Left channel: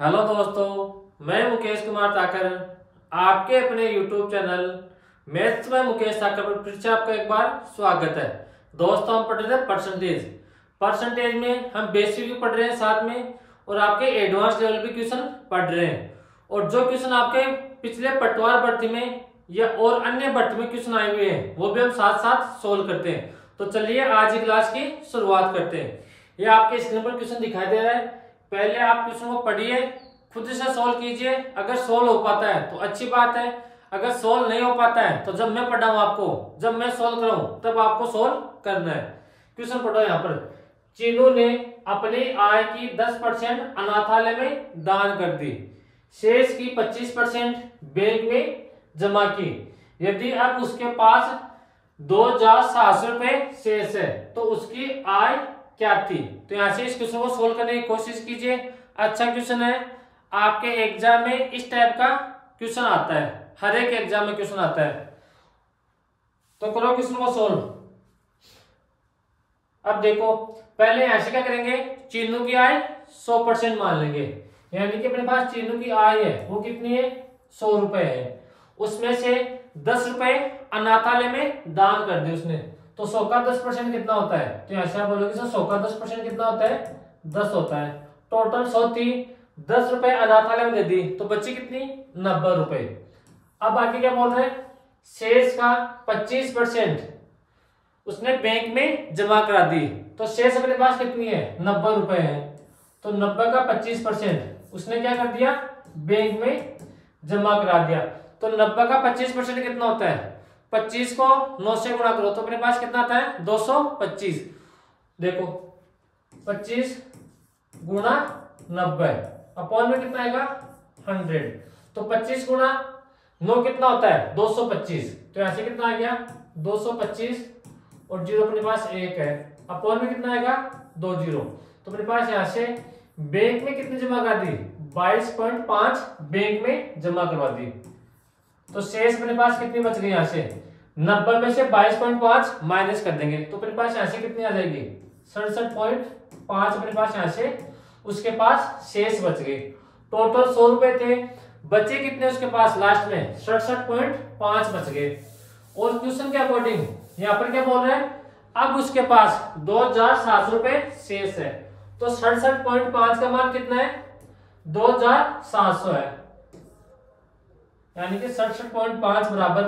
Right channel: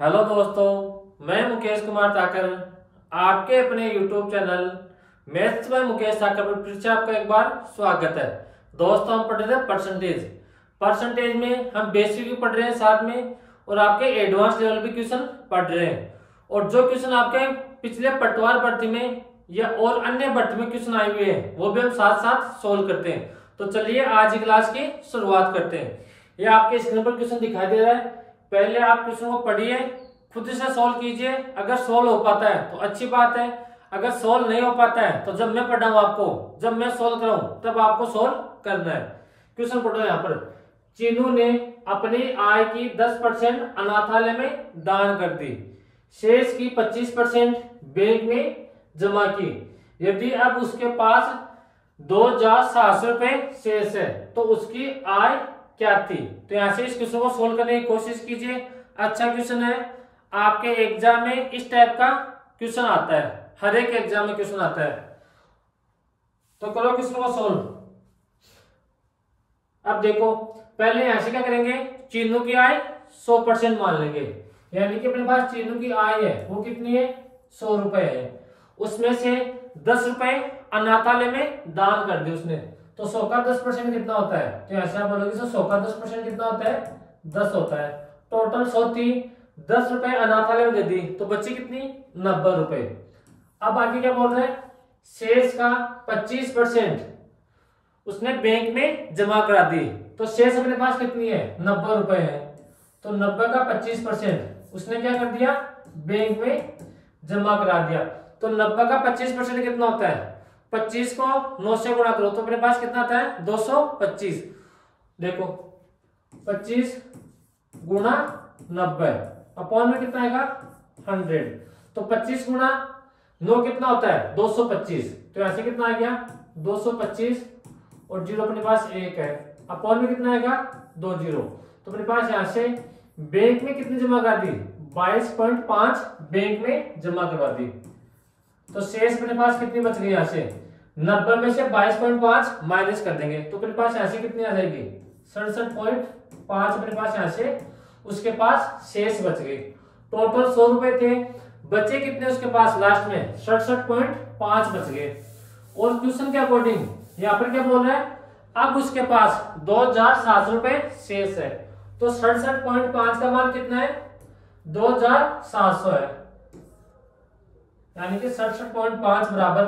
Hello दोस्तों, मैं मुकेश कुमार ताकर आपके अपने YouTube channel maths by Mukesh Thakar पर फिर से आपका एक बार स्वागत है। दोस्तों, हम पढ़ रहे हैं परसेंटेज में हम बेसिक भी पढ़ रहे हैं साथ में, और आपके एडवांस लेवल भी क्वेश्चन पढ़ रहे हैं। और जो क्वेश्चन आपके पिछले पटवार भर्ती में या और अन्य भर्ती में क्वेश्चन आए हुए हैं वो भी हम साथ साथ सोल्व करते हैं। तो चलिए आज की क्लास की शुरुआत करते हैं। ये आपके स्क्रीन पर क्वेश्चन दिखाई दे रहा है। पहले आप क्वेश्चन को पढ़िए, खुद से सोल्व कीजिए। अगर सोल्व हो पाता है तो अच्छी बात है, अगर सोल्व नहीं हो पाता है तो जब मैं पढ़ाऊं आपको, जब मैं सोल्व कराऊं तब आपको सोल्व करना है। क्वेश्चन पढ़ो यहाँ पर। चीनू ने अपनी आय की 10% अनाथालय में दान कर दी, शेष की 25% बैंक में जमा की। यदि अब उसके पास 2,700 रुपए शेष है तो उसकी आय क्या थी। तो यहां से इस क्वेश्चन को सोल्व करने की कोशिश कीजिए। अच्छा क्वेश्चन है, आपके एग्जाम में इस टाइप का क्वेश्चन आता है, हर एक एग्जाम में क्वेश्चन आता है। तो करो क्वेश्चन को सोल्व। अब देखो, पहले यहां से क्या करेंगे, चीनू की आय 100% मान लेंगे। यानी कि अपने पास चीनू की आय है वो कितनी है, 100 रुपए है। उसमें से 10 रुपए अनाथालय में दान कर दिए उसने, तो 100 का 10% कितना होता है। तो ऐसे आप बोलोगे 100 का 10% कितना होता है, 10 होता है। टोटल 100 थी, 10 रुपए अनाथालय में दे दी तो बची कितनी, 90 रुपए। अब आगे क्या बोल रहे हैं, शेष का 25% उसने बैंक में जमा करा दी। तो शेष अपने पास कितनी है, 90 रुपए है। तो 90 का 25% उसने क्या कर दिया, बैंक में जमा करा दिया। तो 90 का 25% कितना होता है, 25 को 9 से गुणा करो तो अपने पास कितना आता है, 225। देखो 25 गुणा 90 अपॉन में कितना आएगा, 100। तो 25 गुणा 9 कितना होता है, 225। तो ऐसे कितना आ गया, 225 और जीरो अपने पास 1 है, अपॉन में कितना आएगा, 2 जीरो। तो अपने पास यहां से बैंक में कितनी जमा कर दी, 22.5 बैंक में जमा करवा दी। तो शेष अपने पास कितनी बच गई, यहां से 90 में से 22.5 माइनस कर देंगे तो अपने पास यहां से कितनी आ जाएगी, 67.5 अपने पास यहां से उसके पास शेष बच गई। टोटल 100 रुपए थे, बचे कितने उसके पास लास्ट में, 67.5 बच गए। और क्वेश्चन के अकॉर्डिंग यहाँ पर क्या बोल रहा है, अब उसके पास 2,700 रुपए शेष है। तो 67.5 का मान कितना है, 2,700 है। यानी कि 67.5 बराबर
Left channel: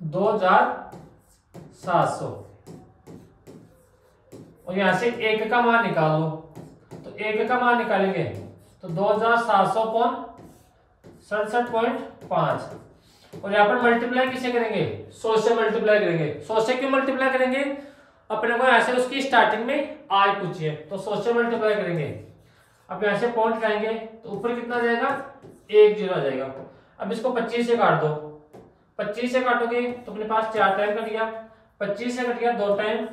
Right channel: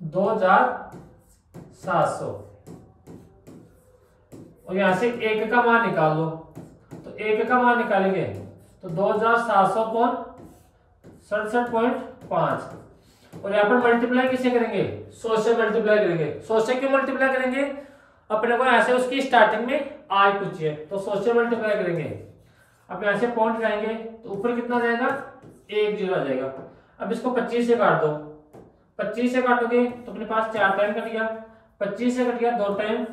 2,700। और यहां से एक का मान निकाल लो, तो एक का मान निकालेंगे तो 2,700 कौन 67.5। और यहाँ पर मल्टीप्लाई किसे करेंगे, 100 से मल्टीप्लाई करेंगे। 100 से क्यों मल्टीप्लाई करेंगे, अपने को यहाँ से उसकी स्टार्टिंग में आय पूछी है तो 100 से मल्टीप्लाई करेंगे। अब यहाँ से पॉइंट जाएंगे तो ऊपर कितना जाएगा, 1 जीरो आ जाएगा। अब इसको 25 से काट दो, 25 से काटोगे तो अपने पास 4 टाइम कट गया, 25 से कट गया 2 टाइम।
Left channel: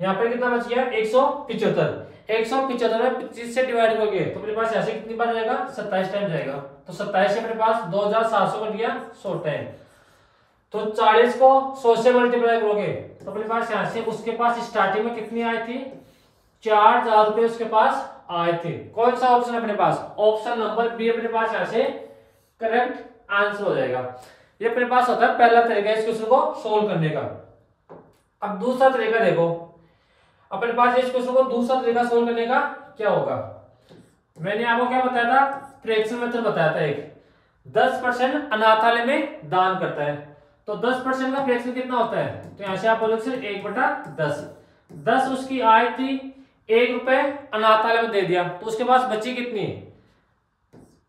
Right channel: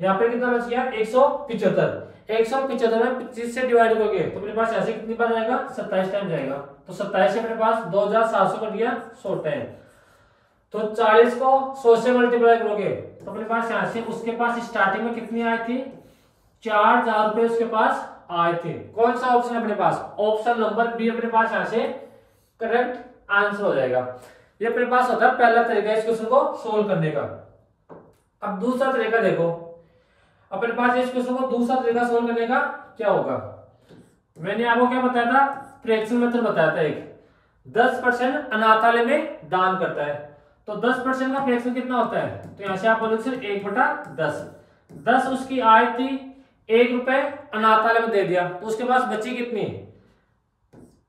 यहाँ पे कितना बच गया, 175। 175 में 25 से डिवाइड करोगे तो अपने पास ऐसे कितनी बार जाएगा, 27 टाइम जाएगा। तो 27 से अपने पास 2,700 कट गया 100 टाइम। तो 40 को 100 से मल्टीप्लाई करोगे तो अपने पास यहाँ से उसके पास स्टार्टिंग में कितनी आई थी, 4,000 रुपए उसके पास आए थे। कौन सा ऑप्शन है अपने पास, ऑप्शन नंबर बी अपने पास यहाँ से करेक्ट आंसर हो जाएगा। ये अपने पास होता है पहला तरीका इस क्वेश्चन को सोल्व करने का। अब दूसरा तरीका देखो, अपने पास इस क्वेश्चन को दूसरा तरीका सोल्व करने का क्या होगा। मैंने आपको क्या बताया था, फ्रैक्शन मेथड बताया था। एक 10% अनाथालय में दान करता है तो 10% का फ्रैक्शन कितना होता है, तो यहां से आप बोलोगे 1/10। 10 उसकी आय थी, 1 रुपए अनाथालय में दे दिया तो उसके पास बची कितनी,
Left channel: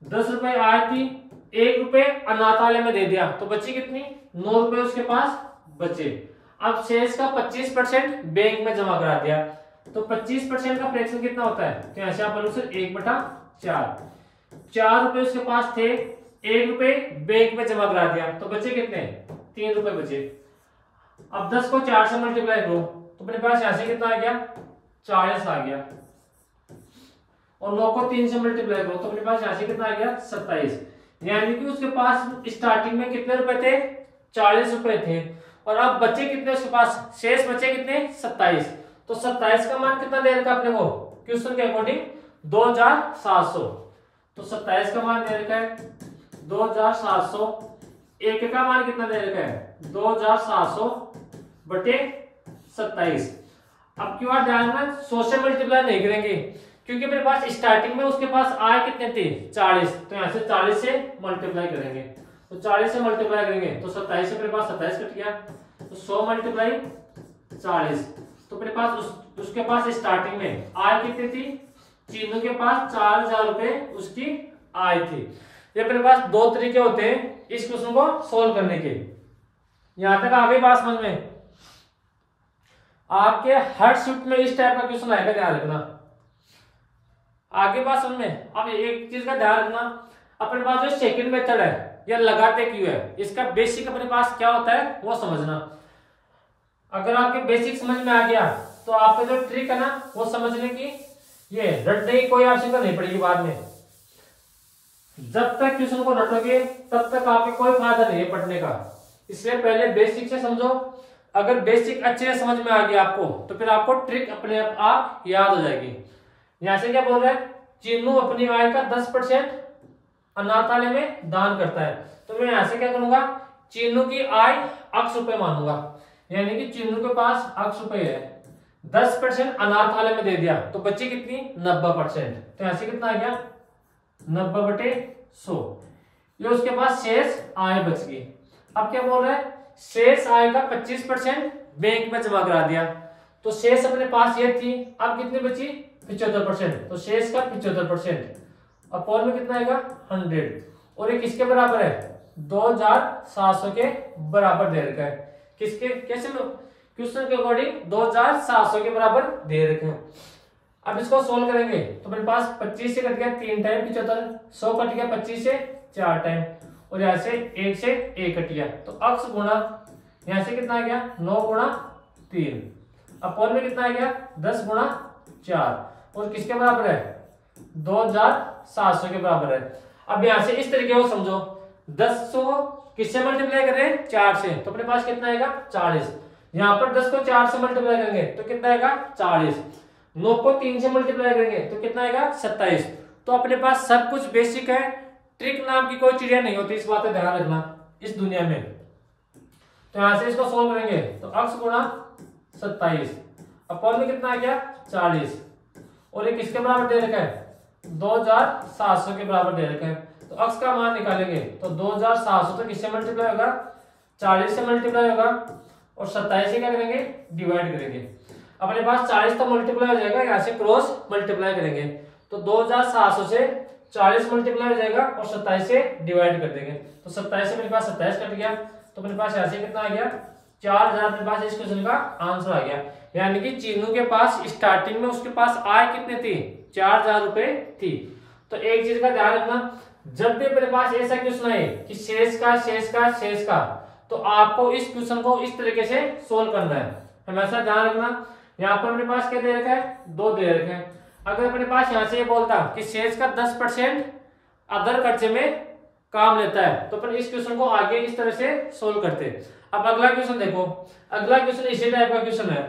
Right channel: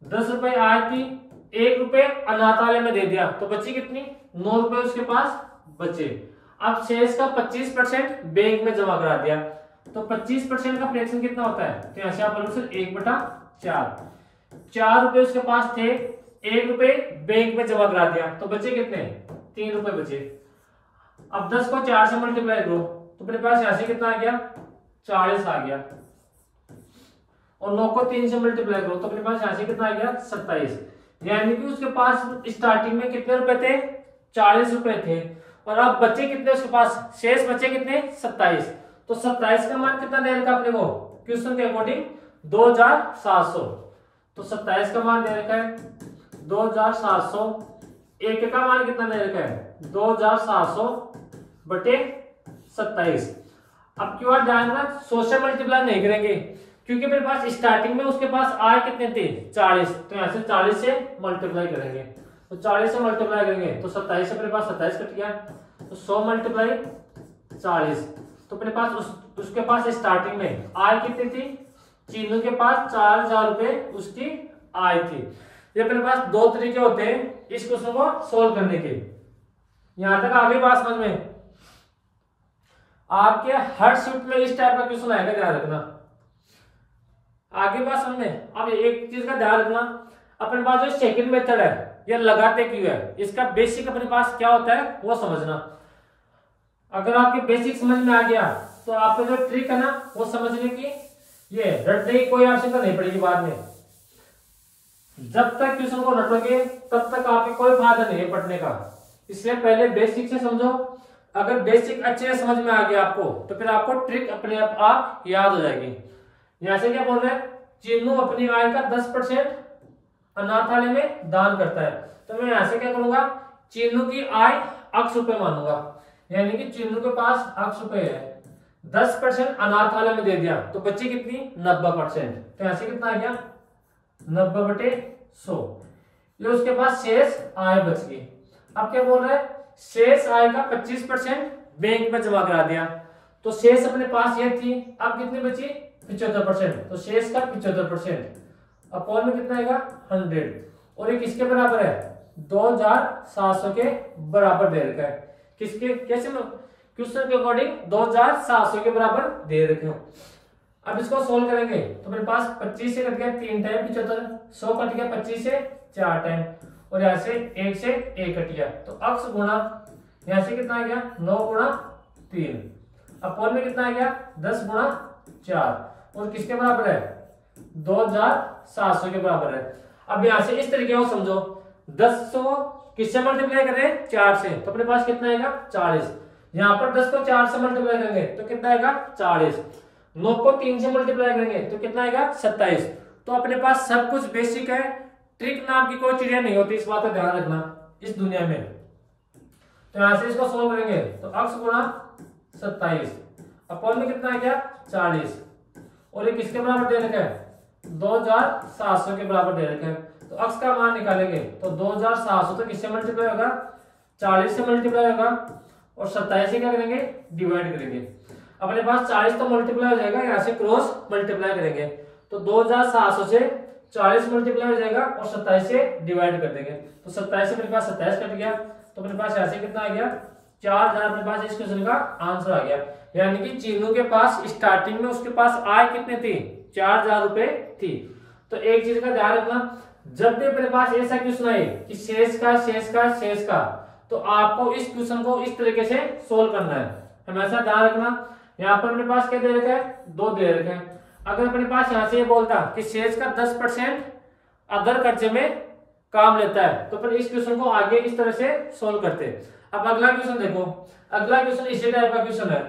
10 रुपए आय थी, 1 रुपए अनाथालय में दे दिया तो बची कितनी, 9 रुपए उसके पास बचे। अब शेष का 25% बैंक में जमा करा दिया तो 25% का फ्रैक्शन कितना होता है, तो यहां से आप बोलोगे 1/4। 4 रुपए उसके पास थे, 1 रुपए बैंक में जमा करा दिया तो बचे कितने, 3 रुपए बचे। अब 10 को 4 से मल्टीप्लाई करो तो अपने पास यहां से कितना आ गया, 40 आ गया। और 9 को 3 से मल्टीप्लाई करो तो अपने पास यहां से कितना आ गया, 27। यानी कि उसके पास स्टार्टिंग में कितने रुपए थे, 40 रुपए थे। और अब बचे कितने उसके पास, शेष बचे कितने, 27। तो 27 का मान कितना दे रखा अपने को क्वेश्चन के अकॉर्डिंग, 2700, तो 27 का मान दे रखा है 2700, एक का मान कितना दे रखा है 2700 बटे 27। अब क्यों ध्यान में 100 से मल्टीप्लाई नहीं करेंगे, क्योंकि मेरे पास स्टार्टिंग में उसके पास आय कितने थे 40, तो यहाँ से 40 से मल्टीप्लाई करेंगे, तो 40 से मल्टीप्लाई करेंगे तो 27 से मेरे पास 27 कट गया, तो 100 मल्टीप्लाई 40, तो मेरे पास उसके पास स्टार्टिंग में आय कितनी थी, चीनू के पास 4000 रुपए उसकी आय थी। ये मेरे पास दो तरीके होते हैं इस क्वेश्चन को सोल्व करने के। यहां तक आगे बात समझ में, आपके हर शिफ्ट में इस टाइप का क्वेश्चन आएगा, ध्यान रखना आगे बात समझ में। अब एक चीज का ध्यान रखना, अपने पास जो सेकंड मेथड है या लगाते क्यों है, इसका बेसिक अपने पास क्या होता है वो समझना। अगर आपके बेसिक समझ में आ गया तो आपको जो ट्रिक है ना वो समझने की, ये रटने की कोई आवश्यकता नहीं पड़ेगी बाद में। जब तक क्वेश्चन को रटोगे तब तक आपको कोई फायदा नहीं है पढ़ने का, इसलिए पहले बेसिक से समझो। अगर बेसिक अच्छे से समझ में आ गया आपको तो फिर आपको ट्रिक अपने आप याद हो जाएगी। यहां से क्या बोल रहे हैं, चीनू अपनी आय का 10% अनाथालय में दान करता है, तो मैं यहां से क्या करूंगा, चीनू की आय x रुपए मानूंगा, यानी कि चीनू के पास x रुपए है, 10% अनाथालय में दे दिया तो बची कितनी 90%, तो यहां से कितना आ गया 90/100, ये उसके पास शेष आय बच गई। अब क्या बोल रहे हैं, शेष आय का 25% बैंक में जमा करा दिया, तो शेष अपने पास ये थी, अब कितनी बची 75%, तो शेष का 75% अपॉन में कितना आएगा 100, और ये किसके बराबर है 2700 के बराबर दे रखा है। किसके, कैसे क्वेश्चन के अकॉर्डिंग 2700 के बराबर दे रखे हैं। अब इसको सोल्व करेंगे तो मेरे पास 25 से कट गया 3 टाइम 75, 100 कट गया 25 से 4 टाइम, और यहाँ से 1 से 1 कट गया, तो x गुणा यहाँ से कितना आ गया 9 गुणा 3, अपॉन में कितना आ गया 10 गुणा 4, और किसके बराबर है 2700 के बराबर है। अब यहाँ से इस तरीके को समझो, 10 को किससे मल्टीप्लाई करें 4 से, तो अपने पास कितना आएगा 40, यहाँ पर 10 को 4 से मल्टीप्लाई करेंगे तो कितना आएगा 40, 9 को 3 से मल्टीप्लाई करेंगे तो कितना आएगा 27। तो अपने पास सब कुछ बेसिक है, ट्रिक नाम की कोई चीजें नहीं होती, इस बात का ध्यान रखना इस दुनिया में। तो यहां से इसको सोल्व करेंगे तो x गुणा 27 अपॉन में कितना आ गया 40, और ये किसके बराबर दे रखा है 2700 के बराबर दे रखा है, तो x का मान निकालेंगे तो 2700 तो किससे मल्टीप्लाई होगा 40 से मल्टीप्लाई होगा, और 27 से क्या करेंगे डिवाइड करेंगे। अपने पास 40 तो मल्टीप्लाई हो जाएगा, यहाँ से क्रॉस मल्टीप्लाई करेंगे तो 2700 से 40 मल्टीप्लाई हो जाएगा और 27 से डिवाइड कर देंगे, तो 27 से मेरे पास 27 कट गया, तो मेरे पास यहाँ से कितना आ गया 4000। मेरे पास इस क्वेश्चन का आंसर आ गया, यानी कि चीनू के पास स्टार्टिंग में उसके पास आय कितनी थी 4000 रुपए थी। तो एक चीज का ध्यान रखना, जब भी मेरे पास ऐसा क्वेश्चन आए कि शेष का शेष का शेष का, तो आपको इस क्वेश्चन को इस तरीके से सोल्व करना है, हमेशा ध्यान रखना। यहाँ पर मेरे पास क्या दे रखा है 2 दे रखे हैं, अगर अपने पास यहाँ से ये बोलता कि शेष का 10% अदर खर्चे में काम लेता है, तो फिर इस क्वेश्चन को आगे इस तरह से सोल्व करते। अब अगला क्वेश्चन देखो, अगला क्वेश्चन इसी टाइप का क्वेश्चन है,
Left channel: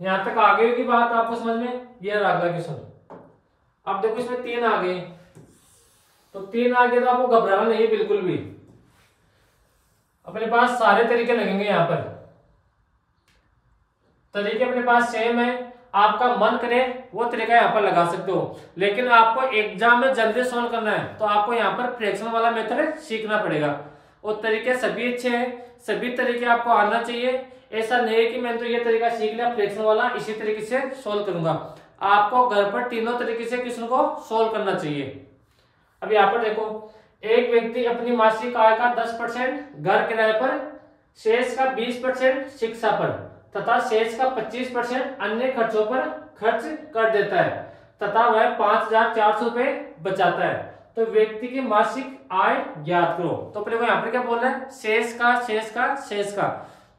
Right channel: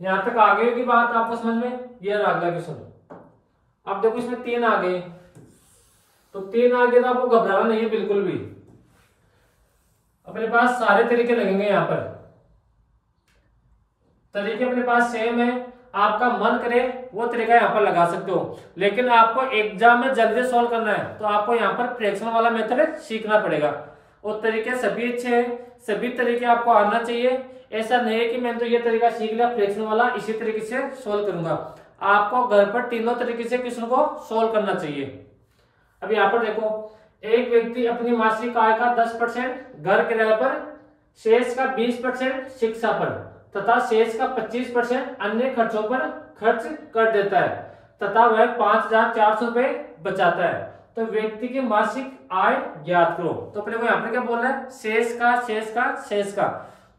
यहां तक आगे की बात आपको समझ में, ये रहा अगला क्वेश्चन। अब देखो इसमें 3 आ गए, तो 3 आ गए तो आपको घबराना नहीं है बिल्कुल भी, अपने पास सारे तरीके लगेंगे, यहाँ पर तरीके अपने पास सेम है, आपका मन करे वो तरीका यहाँ पर लगा सकते हो, लेकिन आपको एग्जाम में जल्दी सोल्व करना है तो आपको यहाँ पर फ्रैक्शन वाला मेथड सीखना पड़ेगा। और तरीके सभी अच्छे हैं, सभी तरीके आपको आना चाहिए, ऐसा नहीं है कि मैंने तो ये तरीका सीख लिया फ्रैक्शन वाला इसी तरीके से सोल्व करूंगा, आपको घर पर तीनों तरीके से क्वेश्चन को सोल्व करना चाहिए। अब यहाँ पर देखो, एक व्यक्ति अपनी मासिक आय का 10% घर किराए पर, शेष का 20% शिक्षा पर तथा शेष का 25% अन्य खर्चों पर खर्च कर देता है तथा वह 5400 रुपए बचाता है, तो व्यक्ति की मासिक आय ज्ञात करो। तो अपने को यहाँ पर क्या बोल रहा है शेष का शेष का शेष का,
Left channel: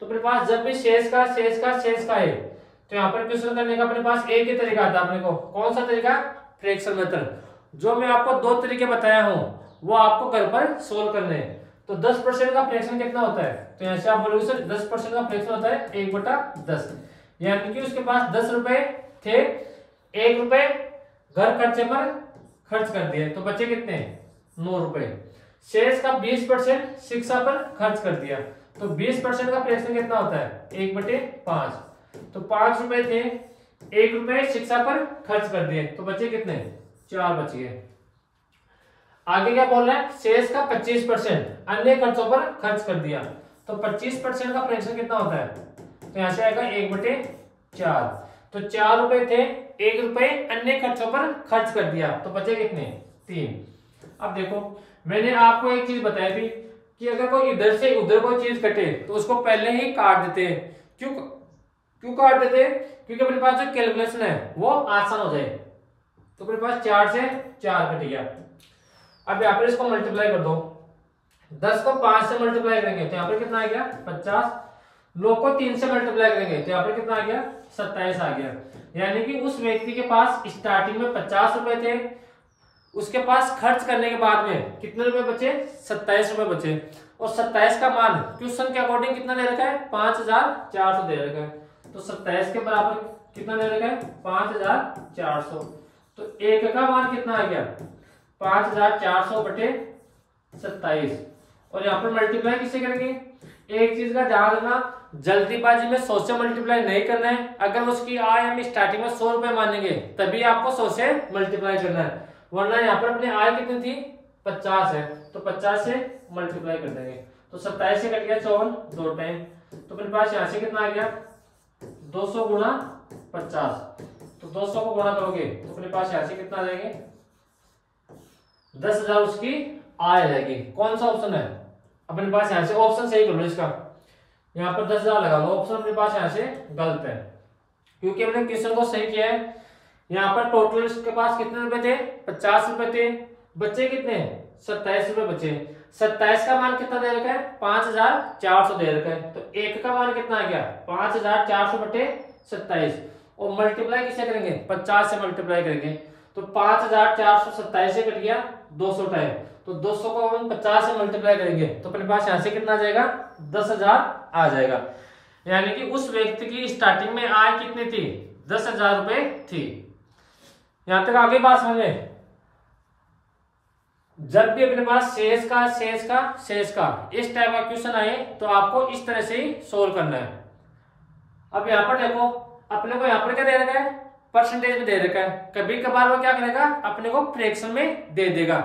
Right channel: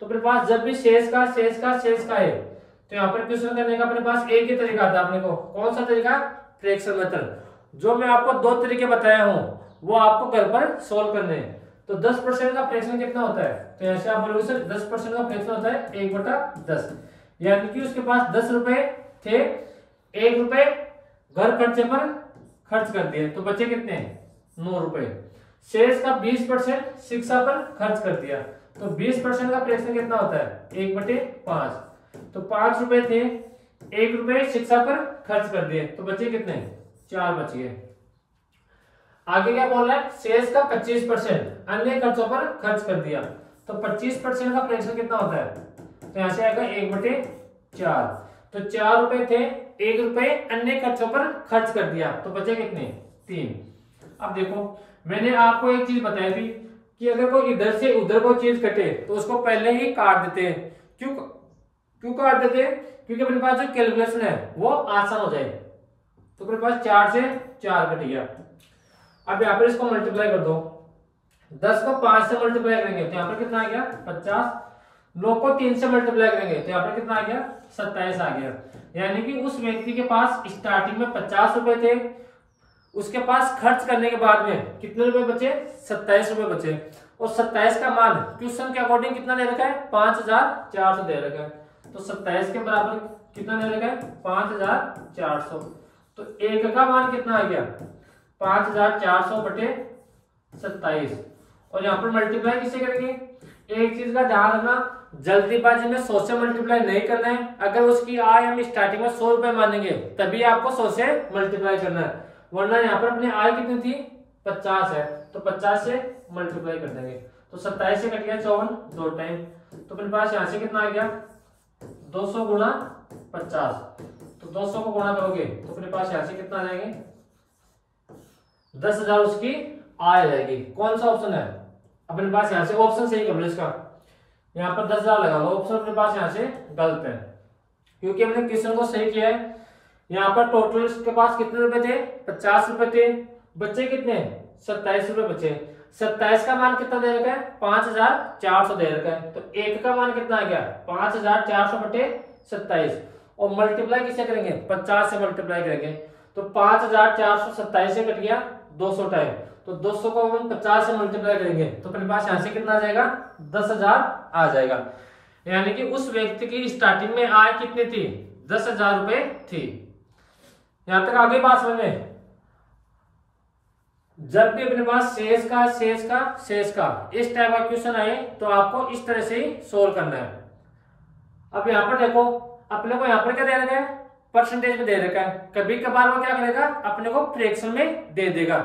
तो अपने पास जब भी शेष का शेष का शेष का है तो यहाँ पर क्वेश्चन करने का अपने पास एक ही तरीका आता है, अपने को कौन सा तरीका फ्रैक्शन मेथड। जो मैं आपको 2 तरीके बताया हूँ वो आपको घर पर सोल्व करने हैं। तो 10% का फ्रैक्शन कितना होता है, तो यहाँ से आप बोलोगे सर 10% का फ्रैक्शन होता है 1/10, यानी कि उसके पास 10 रुपए थे, 1 रुपए घर खर्चे पर खर्च कर दिए तो बचे कितने 9 रुपए। शेष का 20% शिक्षा पर खर्च कर दिया तो 20% का फ्रैक्शन कितना होता है 1/5। तो 5 रुपए थे, 1 रुपए शिक्षा पर खर्च कर दिए तो बचे कितने 4 बच गए। आगे क्या बोल रहा है शेष का 25% अन्य खर्चों पर खर्च कर दिया तो 25% का फ्रैक्शन कितना होता है तो यहां से आएगा 1/4। तो 4 रुपए थे, 1 रुपए अन्य खर्चों पर खर्च कर दिया तो बचे कितने 3। अब देखो मैंने आपको एक चीज बताई थी कि अगर कोई इधर से उधर कोई चीज कटे तो उसको पहले ही काट देते हैं। क्यों काट देते हैं क्योंकि अपने पास जो कैलकुलेशन है वो आसान हो जाए। तो अपने पास 4 से 4 कट गया। अब यहाँ पर इसको मल्टीप्लाई कर दो, 10 को 5 से मल्टीप्लाई करेंगे तो यहाँ पर कितना आ गया 50, 9 को 3 से मल्टीप्लाई करेंगे तो यहाँ पर कितना आ गया 27 आ गया। यानी कि उस व्यक्ति के पास स्टार्टिंग में 50 रुपए थे, उसके पास खर्च करने के बाद में कितने रुपए बचे 27 रुपए बचे। और 27 का मान क्वेश्चन के अकॉर्डिंग कितना दे रखा है 5400 दे रखा है। तो 27 के बराबर कितना दे रखा है 5400। तो 1 का मान कितना आ गया 5400 बटे 27। और यहाँ पर मल्टीप्लाई किससे करेंगे, एक चीज का ध्यान रखना जल्दीबाजी में 100 से मल्टीप्लाई नहीं करना है। अगर उसकी आय हम स्टार्टिंग में 100 रुपए मानेंगे तभी आपको 100 से मल्टीप्लाई करना है, वरना यहाँ पर अपनी आय कितनी थी 50 है तो 50 से मल्टीप्लाई कर देंगे। तो 27 से कट गया 54 2 टाइम। तो अपने पास यहाँ से कितना आ गया 200 गुणा 50। तो 200 को गुणा करोगे तो अपने पास यहाँ से कितना आ जाएंगे 10,000 उसकी आय आ जाएगी। कौन सा ऑप्शन है अपने पास यहाँ से ऑप्शन सही कर लो इसका, यहाँ पर 10,000 लगा लो, ऑप्शन अपने पास यहाँ से गलत है क्योंकि हमने क्वेश्चन को सही किया है। यहाँ पर टोटल इसके पास कितने रुपए थे 50 रुपए थे, बचे कितने 27 रुपए बचे। 27 का मान कितना दे रखा है 5400 दे रखा है। तो 1 का मान कितना आ गया 5400 बटे 27। और मल्टीप्लाई किससे करेंगे 50 से मल्टीप्लाई करेंगे तो 5427 से कट गया 200 टाइम। तो 200 को हम 50 से मल्टीप्लाई करेंगे तो अपने पास यहाँ से कितना आ जाएगा 10,000 आ जाएगा। यानी कि उस व्यक्ति की स्टार्टिंग में आय कितनी थी 10,000 रुपए थी। यहां तक आगे बात समझे। जब भी अपने पास शेष का इस टाइप का क्वेश्चन आए तो आपको इस तरह से ही सोल्व करना है। अब यहां पर देखो अपने को यहां पर क्या दे रखा है परसेंटेज में दे रखा है, कभी कभार वो क्या करेगा अपने को फ्रैक्शन में दे देगा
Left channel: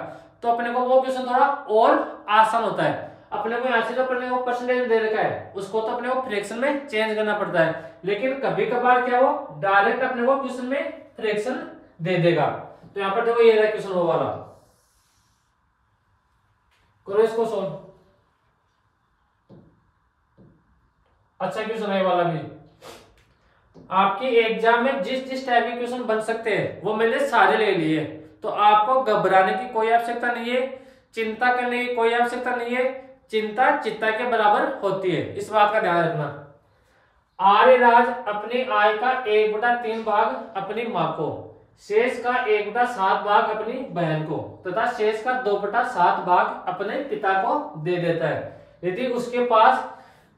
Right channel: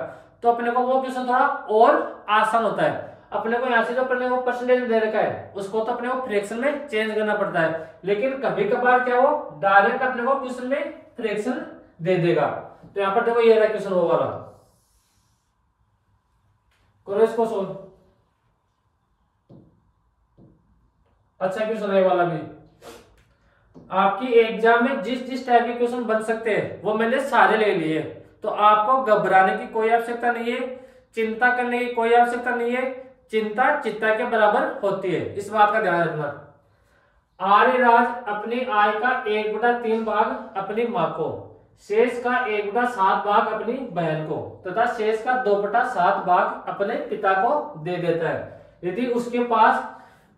तो अपने को वो क्वेश्चन थोड़ा और आसान होता है। अपने को यहाँ से जो अपने को परसेंटेज दे रखा है उसको तो अपने को फ्रैक्शन में चेंज करना पड़ता है, लेकिन कभी कभार क्या हो डायरेक्ट अपने को क्वेश्चन में फ्रैक्शन दे देगा। तो यहाँ पर देखो ये रहा क्वेश्चन वो वाला, करो इसको सोल्व। अच्छा क्वेश्चन है वाला भी। आपकी एग्जाम में जिस टाइप के क्वेश्चन बन सकते हैं वो मैंने सारे ले लिए, तो आपको घबराने की कोई आवश्यकता नहीं है, चिंता करने की कोई आवश्यकता नहीं है। चिंता चित्ता के बराबर होती है, इस बात का ध्यान रखना। आर्यराज अपनी आय का 1/3 भाग अपनी मां को, शेष का 1/7 भाग अपनी बहन को तथा शेष का 2/7 भाग अपने पिता को दे देता है। यदि उसके पास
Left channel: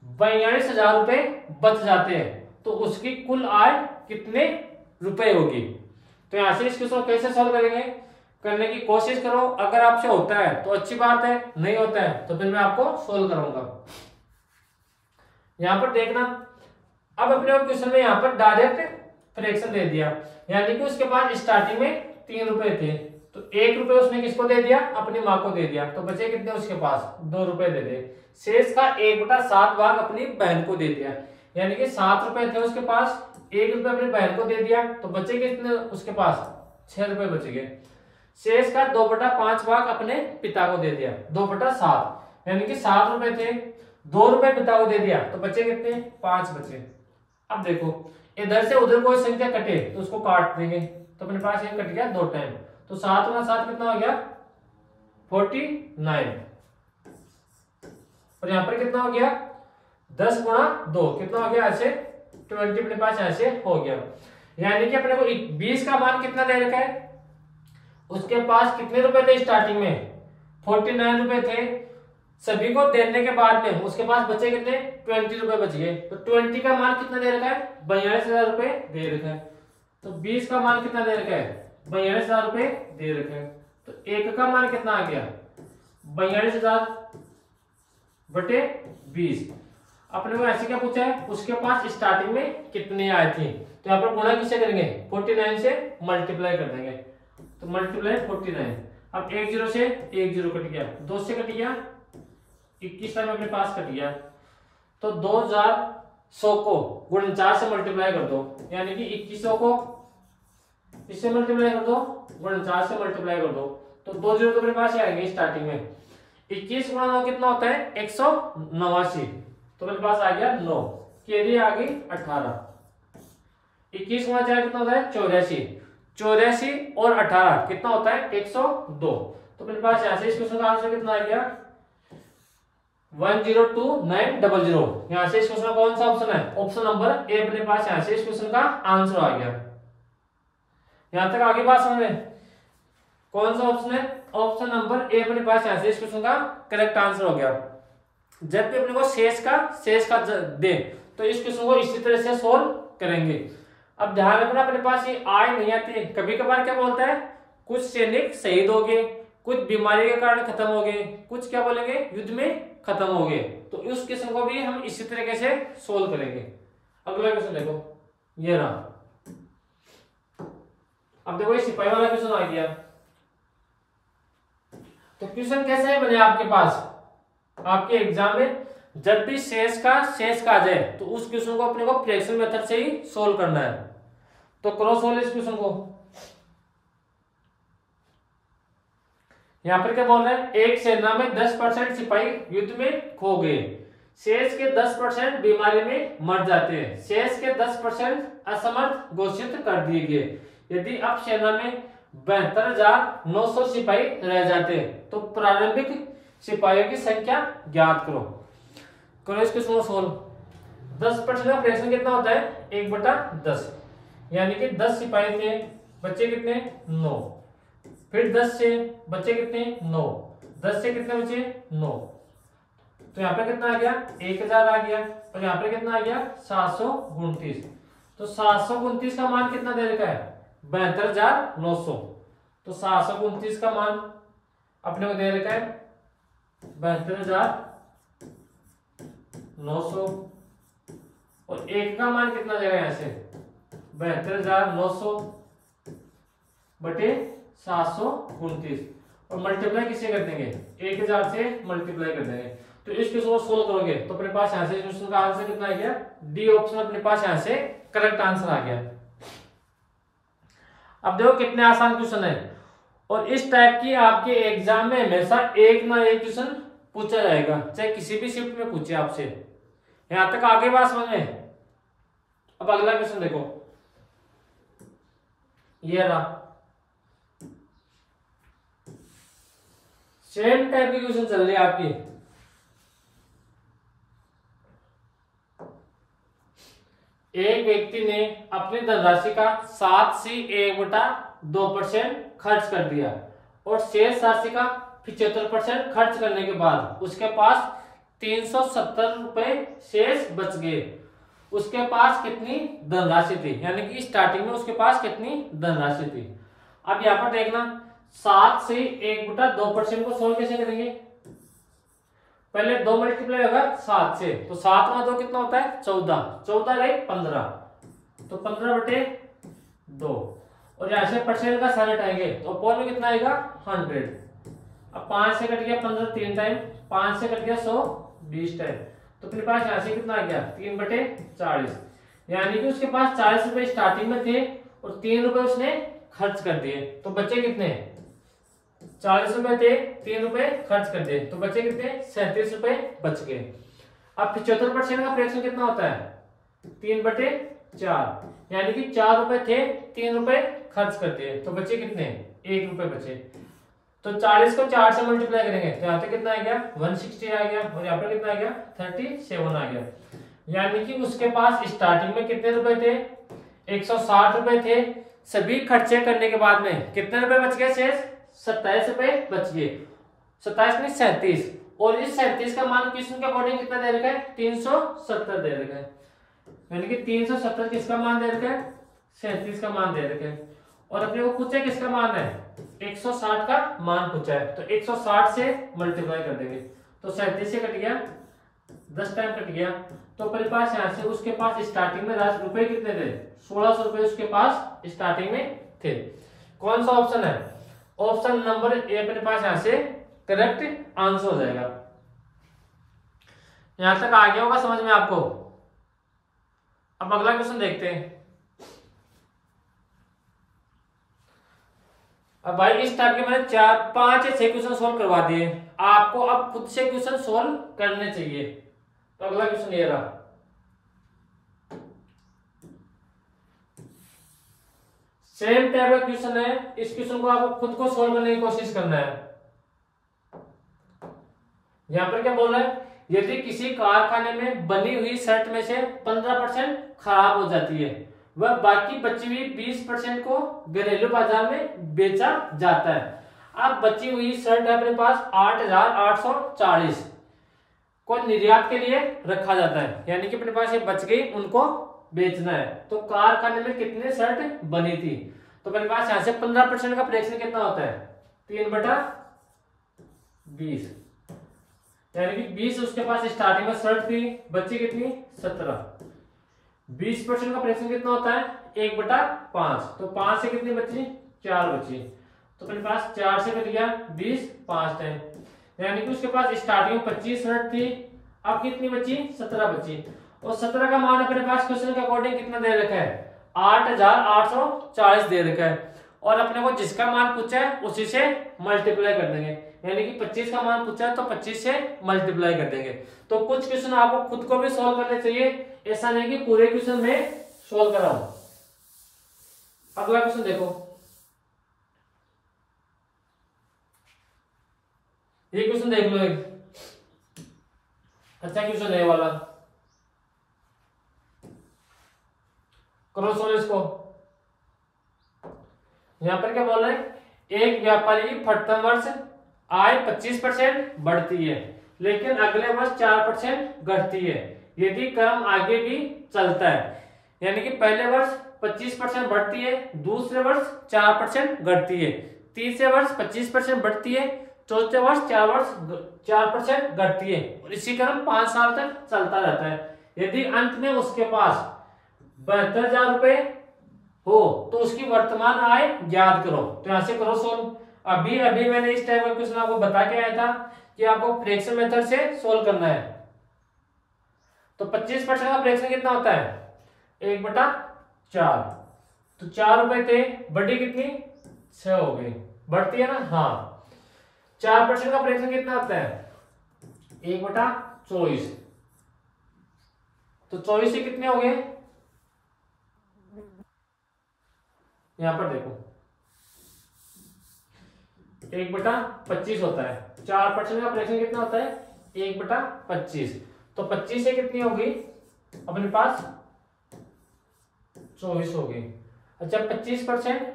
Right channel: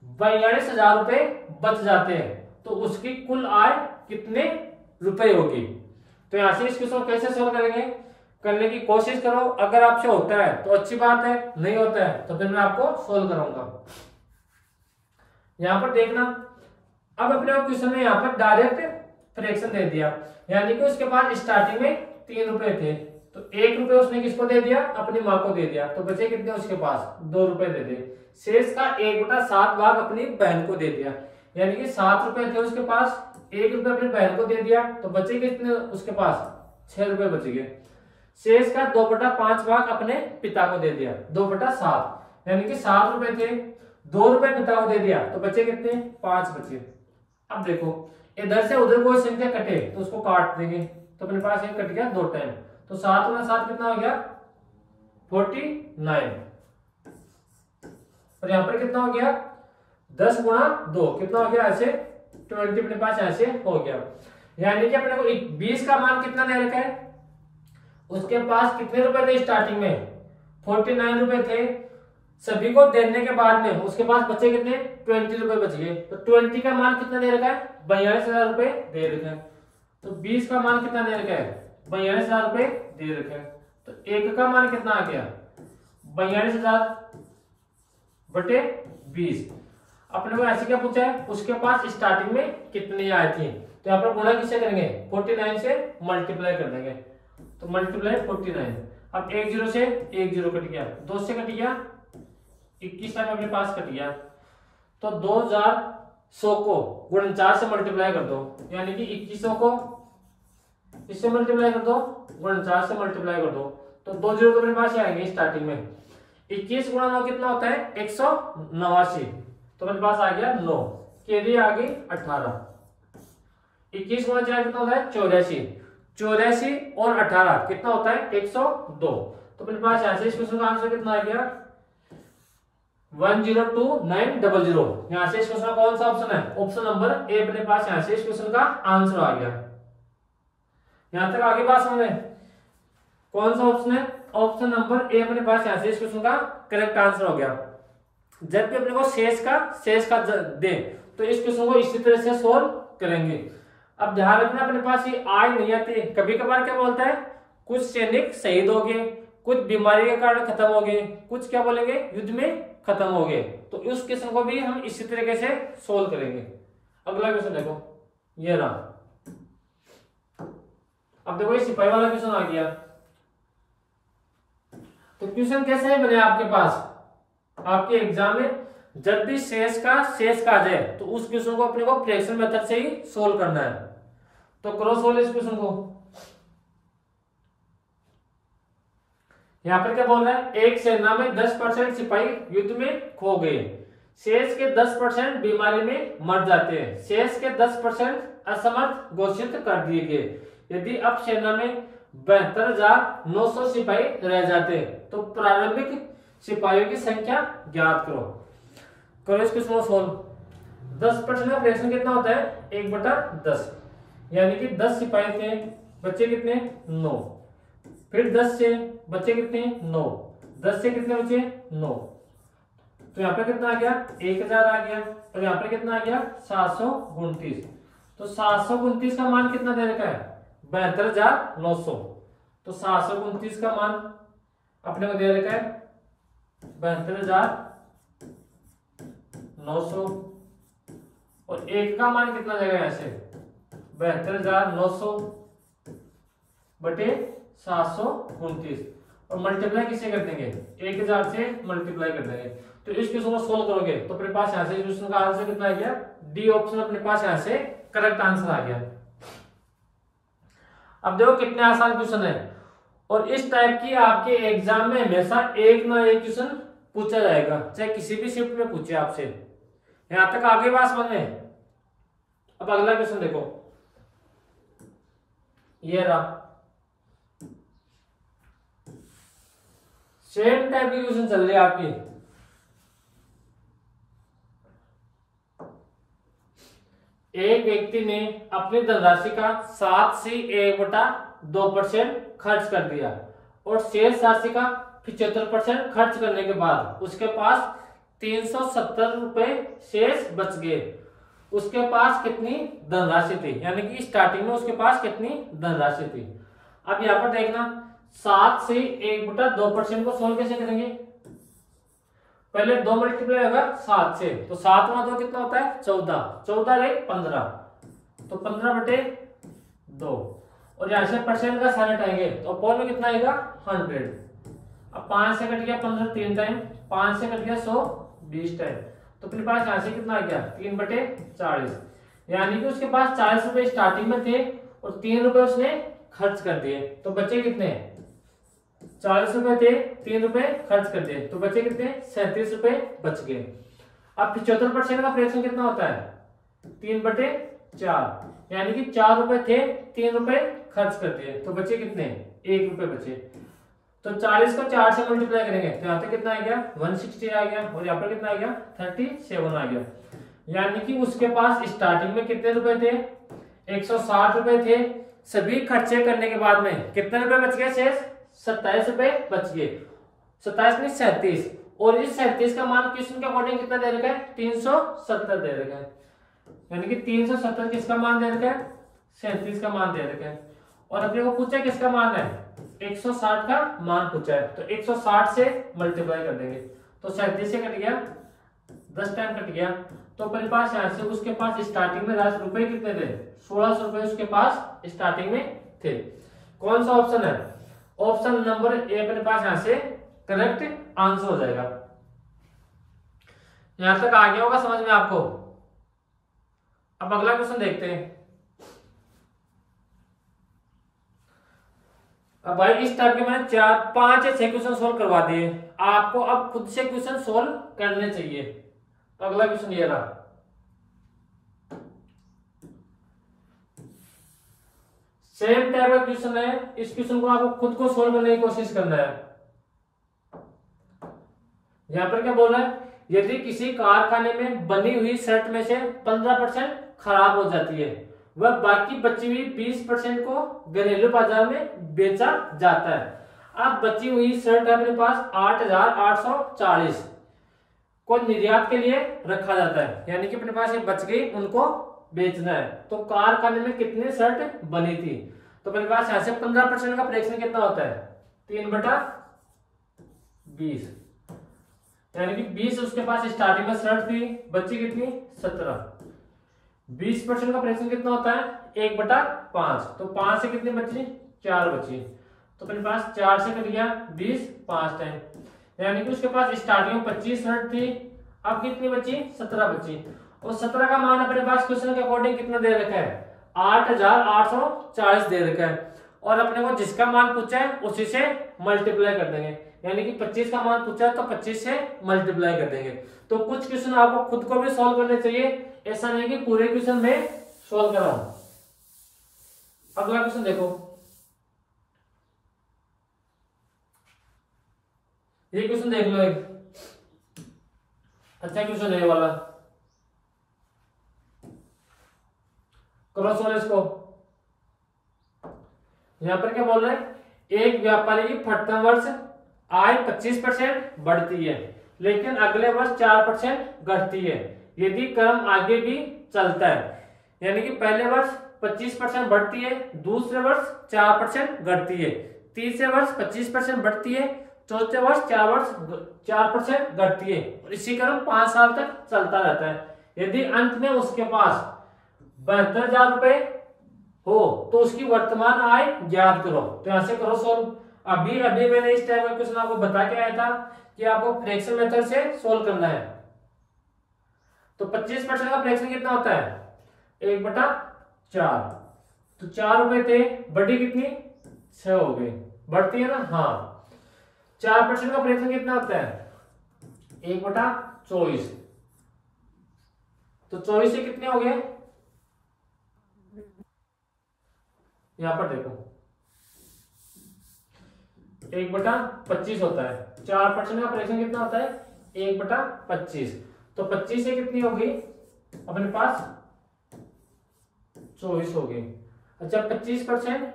42,000 रुपए बच जाते हैं तो उसकी कुल आय कितने रुपए होगी। तो यहां से इस क्वेश्चन को कैसे सॉल्व करेंगे करने की कोशिश करो। अगर आपसे होता है तो अच्छी बात है, नहीं होता है तो फिर मैं आपको सोल्व कराऊंगा। यहां पर देखना अब अपने क्वेश्चन में यहां पर डायरेक्ट फ्रैक्शन दे दिया, यानी कि उसके पास स्टार्टिंग में 3 रुपए थे तो 1 रुपए उसने किसको दे दिया अपनी मां को दे दिया तो बचे कितने उसके पास 2 रुपए दे दिए। शेष का 1/7 भाग अपनी बहन को दे दिया, यानी कि 7 रुपए थे उसके पास, 1 रुपए अपनी बहन को दे दिया तो बचे कितने उसके पास 6 रुपए बच गए। शेष का 2/5 भाग अपने पिता को दे दिया 2/7, यानी कि 7 रुपए थे, 2 रुपए पिता को दे दिया तो बचे कितने 5 बचे। अब देखो इधर से उधर कोई संख्या कटे तो उसको काट देंगे तो अपने पास ये कट गया 2 टाइम। तो 7 गुना 7 कितना हो गया 49। और यहां पर कितना हो गया 10 गुणा 2 कितना हो गया ऐसे 20 अपने पास ऐसे हो गया। यानी कि अपने को 20 का मान कितना दे रखा है, उसके पास कितने रुपए थे स्टार्टिंग में 49 रुपए थे, सभी को देने के बाद में उसके पास बचे कितने 20 रुपए बच गए। तो 20 का मान कितना दे रखा है 42,000 रुपए दे रखा है। तो 20 का मान कितना दे रखा है 42,000 रुपए दे रखे हैं। तो एक का मान कितना आ गया 42,000 बटे 20। अपने को ऐसे क्या पूछा है, उसके पास स्टार्टिंग में कितनी आए थी, तो यहाँ पर गुणा किससे करेंगे 49 से मल्टीप्लाई कर देंगे। तो मल्टीप्लाई 49। अब 1 0 से 1 0 कट गया, 2 से कट गया 21 टाइम अपने पास कट गया। तो 2100 को 49 से मल्टीप्लाई कर दो, यानी कि 2100 को इससे मल्टीप्लाई कर दो 49 से मल्टीप्लाई कर दो, तो 2 0 तो अपने पास ही आएंगे स्टार्टिंग में। 21 गुणा 9 कितना होता है 189, तो मेरे पास आ गया 9, कैरी आ गई 18। 21 गुणा 4 कितना होता है 84, 84 और 18 कितना होता है 102। तो मेरे पास यहाँ से इस क्वेश्चन का आंसर कितना आ गया 102900। यहाँ से इस क्वेश्चन का कौन सा ऑप्शन है, ऑप्शन नंबर ए अपने पास यहाँ से इस क्वेश्चन का आंसर आ गया। यहां तक आगे बात समझ में, कौन सा ऑप्शन है, ऑप्शन नंबर ए अपने पास यहाँ से इस क्वेश्चन का करेक्ट आंसर हो गया। जब भी अपने को शेष का दे तो इस क्वेश्चन को इसी तरह से सोल्व करेंगे। अब ध्यान रखना अपने पास ये आय नहीं आती, कभी कभार क्या बोलता है कुछ सैनिक शहीद हो गए, कुछ बीमारी के कारण खत्म हो गए, कुछ क्या बोलेंगे युद्ध में खत्म हो गए, तो उस क्वेश्चन को भी हम इसी तरीके से सोल्व करेंगे। अगला क्वेश्चन देखो, ये रहा। अब देखो ये सिपाही वाला क्वेश्चन आ गया। तो क्वेश्चन कैसे बने आपके पास, आपके एग्जाम में जब भी शेष का आ जाए तो उस क्वेश्चन को अपने को फ्रैक्शन मेथड से ही सोल्व करना है। तो करो सोल्व इस क्वेश्चन को। यहां पर क्या बोल रहा है, एक सेना में 10% सिपाही युद्ध में खो गए, शेष के 10% बीमारी में मर जाते हैं, शेष के 10% असमर्थ घोषित कर दिए गए। यदि अब सेना में 72,900 सिपाही रह जाते हैं तो प्रारंभिक सिपाहियों की संख्या ज्ञात करो। करो इस क्वेश्चन को सोल्व। 10% का फ्रैक्शन कितना होता है 1/10, यानी कि 10 सिपाही थे, बच्चे कितने 9, फिर 10 से बच्चे कितने 9, 10 से कितने बचे 9, तो यहाँ पे कितना आ गया 1000 आ गया, और यहाँ पे कितना आ गया 729। तो 729 का मान कितना दे रखा है 72,900, तो 729 का मान अपने को दे रखा है 72,900, और एक का मान कितना जाएगा यहाँ से 72,900 बटे 729, और मल्टीप्लाई किससे कर देंगे 1000 से मल्टीप्लाई कर देंगे। तो इस क्वेश्चन को सोल्व करोगे तो अपने पास यहाँ से क्वेश्चन का आंसर कितना आ गया, डी ऑप्शन अपने पास यहाँ से करेक्ट आंसर आ गया। अब देखो कितने आसान क्वेश्चन है, और इस टाइप की आपके एग्जाम में हमेशा एक ना एक क्वेश्चन पूछा जाएगा, चाहे किसी भी शिफ्ट में पूछे आपसे। यहां तक आगे बात समझ में। अब अगला क्वेश्चन देखो, ये रहा। सेम टाइप की क्वेश्चन चल रही है आपकी। एक व्यक्ति ने अपनी धनराशि का 7 से 1/2% खर्च कर दिया, और शेष राशि का 75% खर्च करने के बाद उसके पास 370 रुपए शेष बच गए। उसके पास कितनी धनराशि थी, यानी कि स्टार्टिंग में उसके पास कितनी धनराशि थी। अब यहाँ पर देखना 7 से 1/2% को सोल्व कैसे करेंगे, पहले 2 मल्टीप्लाई होगा 7 से, तो 7 में 2 कितना होता है 14, 14 गए 15, तो 15/2, और यहां से परसेंट का साइन हटाएंगे तो अपॉन में कितना आएगा 100। अब 5 से कट गया 15 3 टाइम, 5 से कट गया 100 20 टाइम, तो अपने पास यहां से कितना आ गया 3/40, यानी कि उसके पास 40 रुपए स्टार्टिंग में थे और 3 रुपए उसने खर्च कर दिए, तो बचे कितने 40 रुपए थे, 3 रुपए खर्च कर दिए, तो बचे कितने 37 रुपए बच गए। अब 75% का फ्रैक्शन कितना होता है 3/4, यानी कि 4 रुपए थे 3 रुपए खर्च कर दिए, तो बचे कितने 1 रुपए बचे। तो 40 को 4 से मल्टीप्लाई करेंगे तो यहाँ पे कितना आ गया 160 आ गया, और यहाँ पर कितना आ गया 37 आ गया, यानी कि उसके पास स्टार्टिंग में कितने रुपए थे 160 रुपए थे, सभी खर्चे करने के बाद में कितने रुपए बच गए शेष 27 रुपए बच गए, 27 नहीं 37, और इस 37 का मान क्वेश्चन के अकॉर्डिंग कितना दे रखा है 370 दे रखा है, यानी कि 370 किसका मान दे रखा है 37 का मान दे रखा है। और अपने को पूछा किसका मान है, 160 का मान पूछा है, तो 160 से मल्टीप्लाई कर देंगे, तो 37 से कट गया, 10 टाइम कट गया, तो अपने पास यहाँ से उसके पास स्टार्टिंग में रुपए कितने थे, 1600 रुपए उसके पास स्टार्टिंग में थे। कौन सा ऑप्शन है, ऑप्शन नंबर ए अपने पास यहाँ से करेक्ट आंसर हो जाएगा। यहां तक आ गया होगा समझ में आपको। अब अगला क्वेश्चन देखते हैं। अब भाई इस टाइप के मैंने 4 5 या 6 क्वेश्चन सोल्व करवा दिए, आपको अब खुद से क्वेश्चन सोल्व करने चाहिए। तो अगला क्वेश्चन ये रहा, सेम टाइप का क्वेश्चन है, इस क्वेश्चन को आपको खुद को सोल्व करने की कोशिश करना है। यहां पर क्या बोल रहा है, यदि किसी कारखाने में बनी हुई शर्ट में से 15% खराब हो जाती है, वह बाकी बची हुई 20% को घरेलू बाजार में बेचा जाता है। अब बची हुई शर्ट है अपने पास 8840 को निर्यात के लिए रखा जाता है, यानी कि अपने पास ये बच गई, उनको बेचना है। तो कारखाने में कितने शर्ट बनी थी, तो अपने पास यहां से 15% का फ्रैक्शन कितना होता है, 3/20, यानी कि 20 उसके पास स्टार्टिंग में शर्ट थी, बची कितनी 17, 20% का फ्रैक्शन कितना होता है 1/5, तो 5 से कितनी बची 4 बची, तो अपने पास 4 से कट गया 20, 5 टाइम, यानी कि उसके पास स्टार्टिंग में 25 शर्ट थी, अब कितनी बची 17 बची, और 17 का मान अपने पास क्वेश्चन के अकॉर्डिंग कितना दे रखा है 8840 दे रखा है, और अपने को जिसका मान पूछा है उसी से मल्टीप्लाई कर देंगे, यानी कि 25 का मान पूछा है तो 25 से मल्टीप्लाई कर देंगे। तो कुछ क्वेश्चन आपको खुद को भी सॉल्व करने चाहिए, ऐसा नहीं कि पूरे क्वेश्चन में सॉल्व कराऊं। अगला क्वेश्चन देखो, ये क्वेश्चन देख लो, एक अच्छा क्वेश्चन है वाला, करो सॉल्व इसको। यहां पर क्या बोल रहे हैं, एक व्यापारी की प्रथम वर्ष आय 25% बढ़ती है, लेकिन अगले वर्ष 4% घटती है, यदि क्रम आगे भी चलता है, यानी कि पहले वर्ष 25% बढ़ती है, दूसरे वर्ष 4% घटती है, तीसरे वर्ष 25% बढ़ती है, चौथे वर्ष 4% घटती है, और इसी क्रम 5 साल तक चलता रहता है। यदि अंत में उसके पास 72,000 रुपए हो तो उसकी वर्तमान आय ज्ञात करो। तो यहां से करो सोल्व। अभी मैंने इस टाइप का क्वेश्चन आपको बता के आया था कि आपको फ्रैक्शन मेथड से सोल्व करना है। तो 25% का फ्रैक्शन कितना होता है 1/4, तो 4 रुपए थे, बढ़ी कितनी 6 हो गई, बढ़ती है ना, हाँ। 4% का फ्रैक्शन कितना होता है 1/24, तो 24 से कितने हो गए, यहां पर देखो 1/25 होता है, 4% का फ्रैक्शन कितना होता है 1/25, तो 25 से कितनी होगी अपने पास 24 होगी। अच्छा 25%,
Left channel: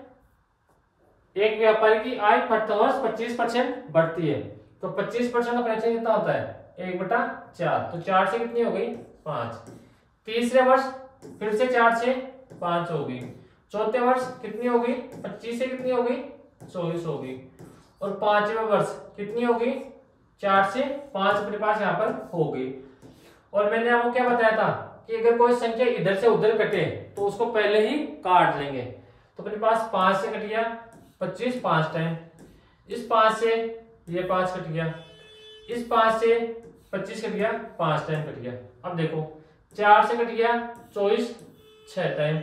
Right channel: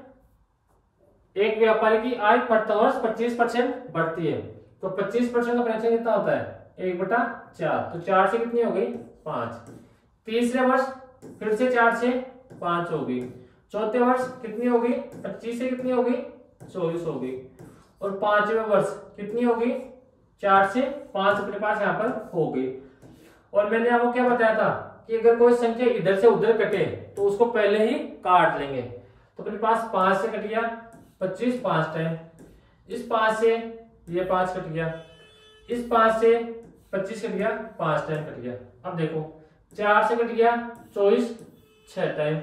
एक व्यापारी की आय प्रति वर्ष 25% बढ़ती है, तो 25% का फ्रैक्शन कितना होता है 1/4, तो 4 से कितनी हो गई 5, तीसरे वर्ष फिर से 4 से 5 होगी, चौथे वर्ष कितनी होगी 25 से कितनी होगी 24 होगी, और पांचवें वर्ष कितनी होगी 4 से 5 अपने पास यहाँ पर होगी। और मैंने आपको क्या बताया था कि अगर कोई संख्या इधर से उधर कटे तो उसको पहले ही काट लेंगे, तो अपने पास 5 से कट गया 25 5 टाइम, इस 5 से ये 5 कट गया, इस 5 से 25 कट गया 5 टाइम कट गया। अब देखो 4 से कट गया 24 6 टाइम,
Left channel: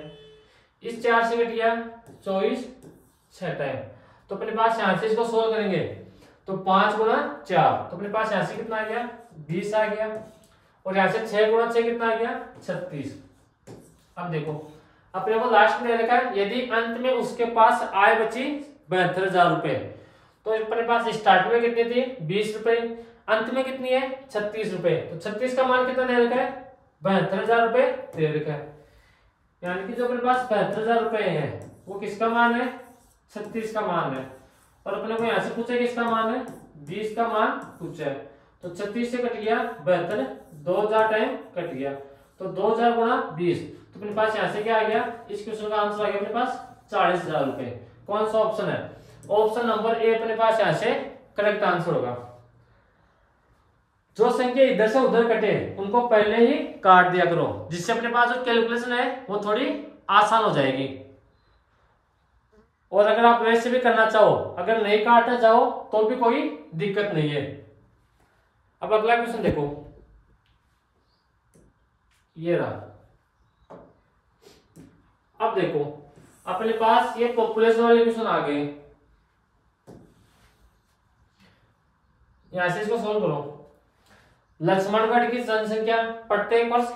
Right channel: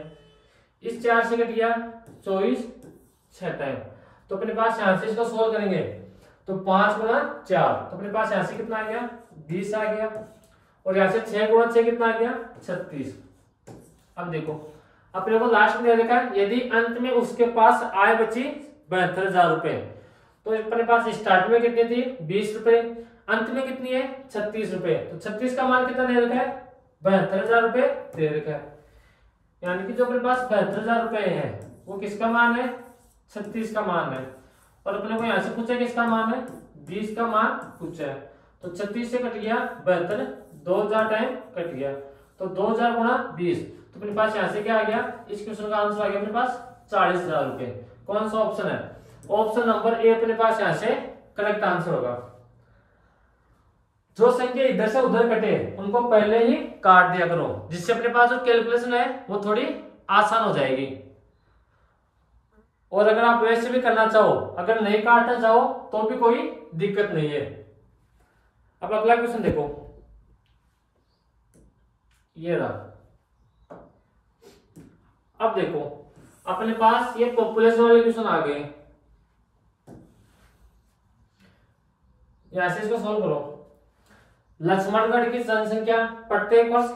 इस 4 से कट गया 24 6 टाइम, तो अपने पास यहां से इसको सोल्व करेंगे तो 5 गुना 4, तो अपने पास यहां से कितना आ गया 20 आ गया, और यहां से 6 गुना 6 कितना आ गया 36। अब देखो अपने को लास्ट में लिखा है यदि अंत में उसके पास आय बची 72,000 रुपए, तो अपने पास स्टार्ट में कितनी थी 20 रुपए, अंत में कितनी है 36 रुपए, तो 36 का मान कितना दे रखा है 72,000 रुपए दे रखा है, यानी कि जो अपने पास 72,000 रुपए है वो किसका मान है 36 का मान है, और अपने को यहां से पूछा किसका मान है 20 का मान पूछा है, तो 36 से कट गया 72, 2000 टाइम कट गया, तो 2000 गुना 20, तो अपने पास यहां से क्या आ गया, इस क्वेश्चन का आंसर आ गया अपने पास 40,000 रुपए। कौन सा ऑप्शन है? ऑप्शन नंबर ए अपने पास यहाँ से करेक्ट आंसर होगा। जो संख्या इधर से उधर कटे उनको पहले ही काट दिया करो, जिससे अपने पास जो कैलकुलेशन है वो थोड़ी आसान हो जाएगी। और अगर आप वैसे भी करना चाहो, अगर नहीं काटना चाहो तो भी कोई दिक्कत नहीं है। अब अगला क्वेश्चन देखो, ये रहा। अब देखो अपने पास ये पॉपुलेशन वाले क्वेश्चन आ गए, यहां से इसको सोल्व करो। लक्ष्मणगढ़ की जनसंख्या प्रत्येक वर्ष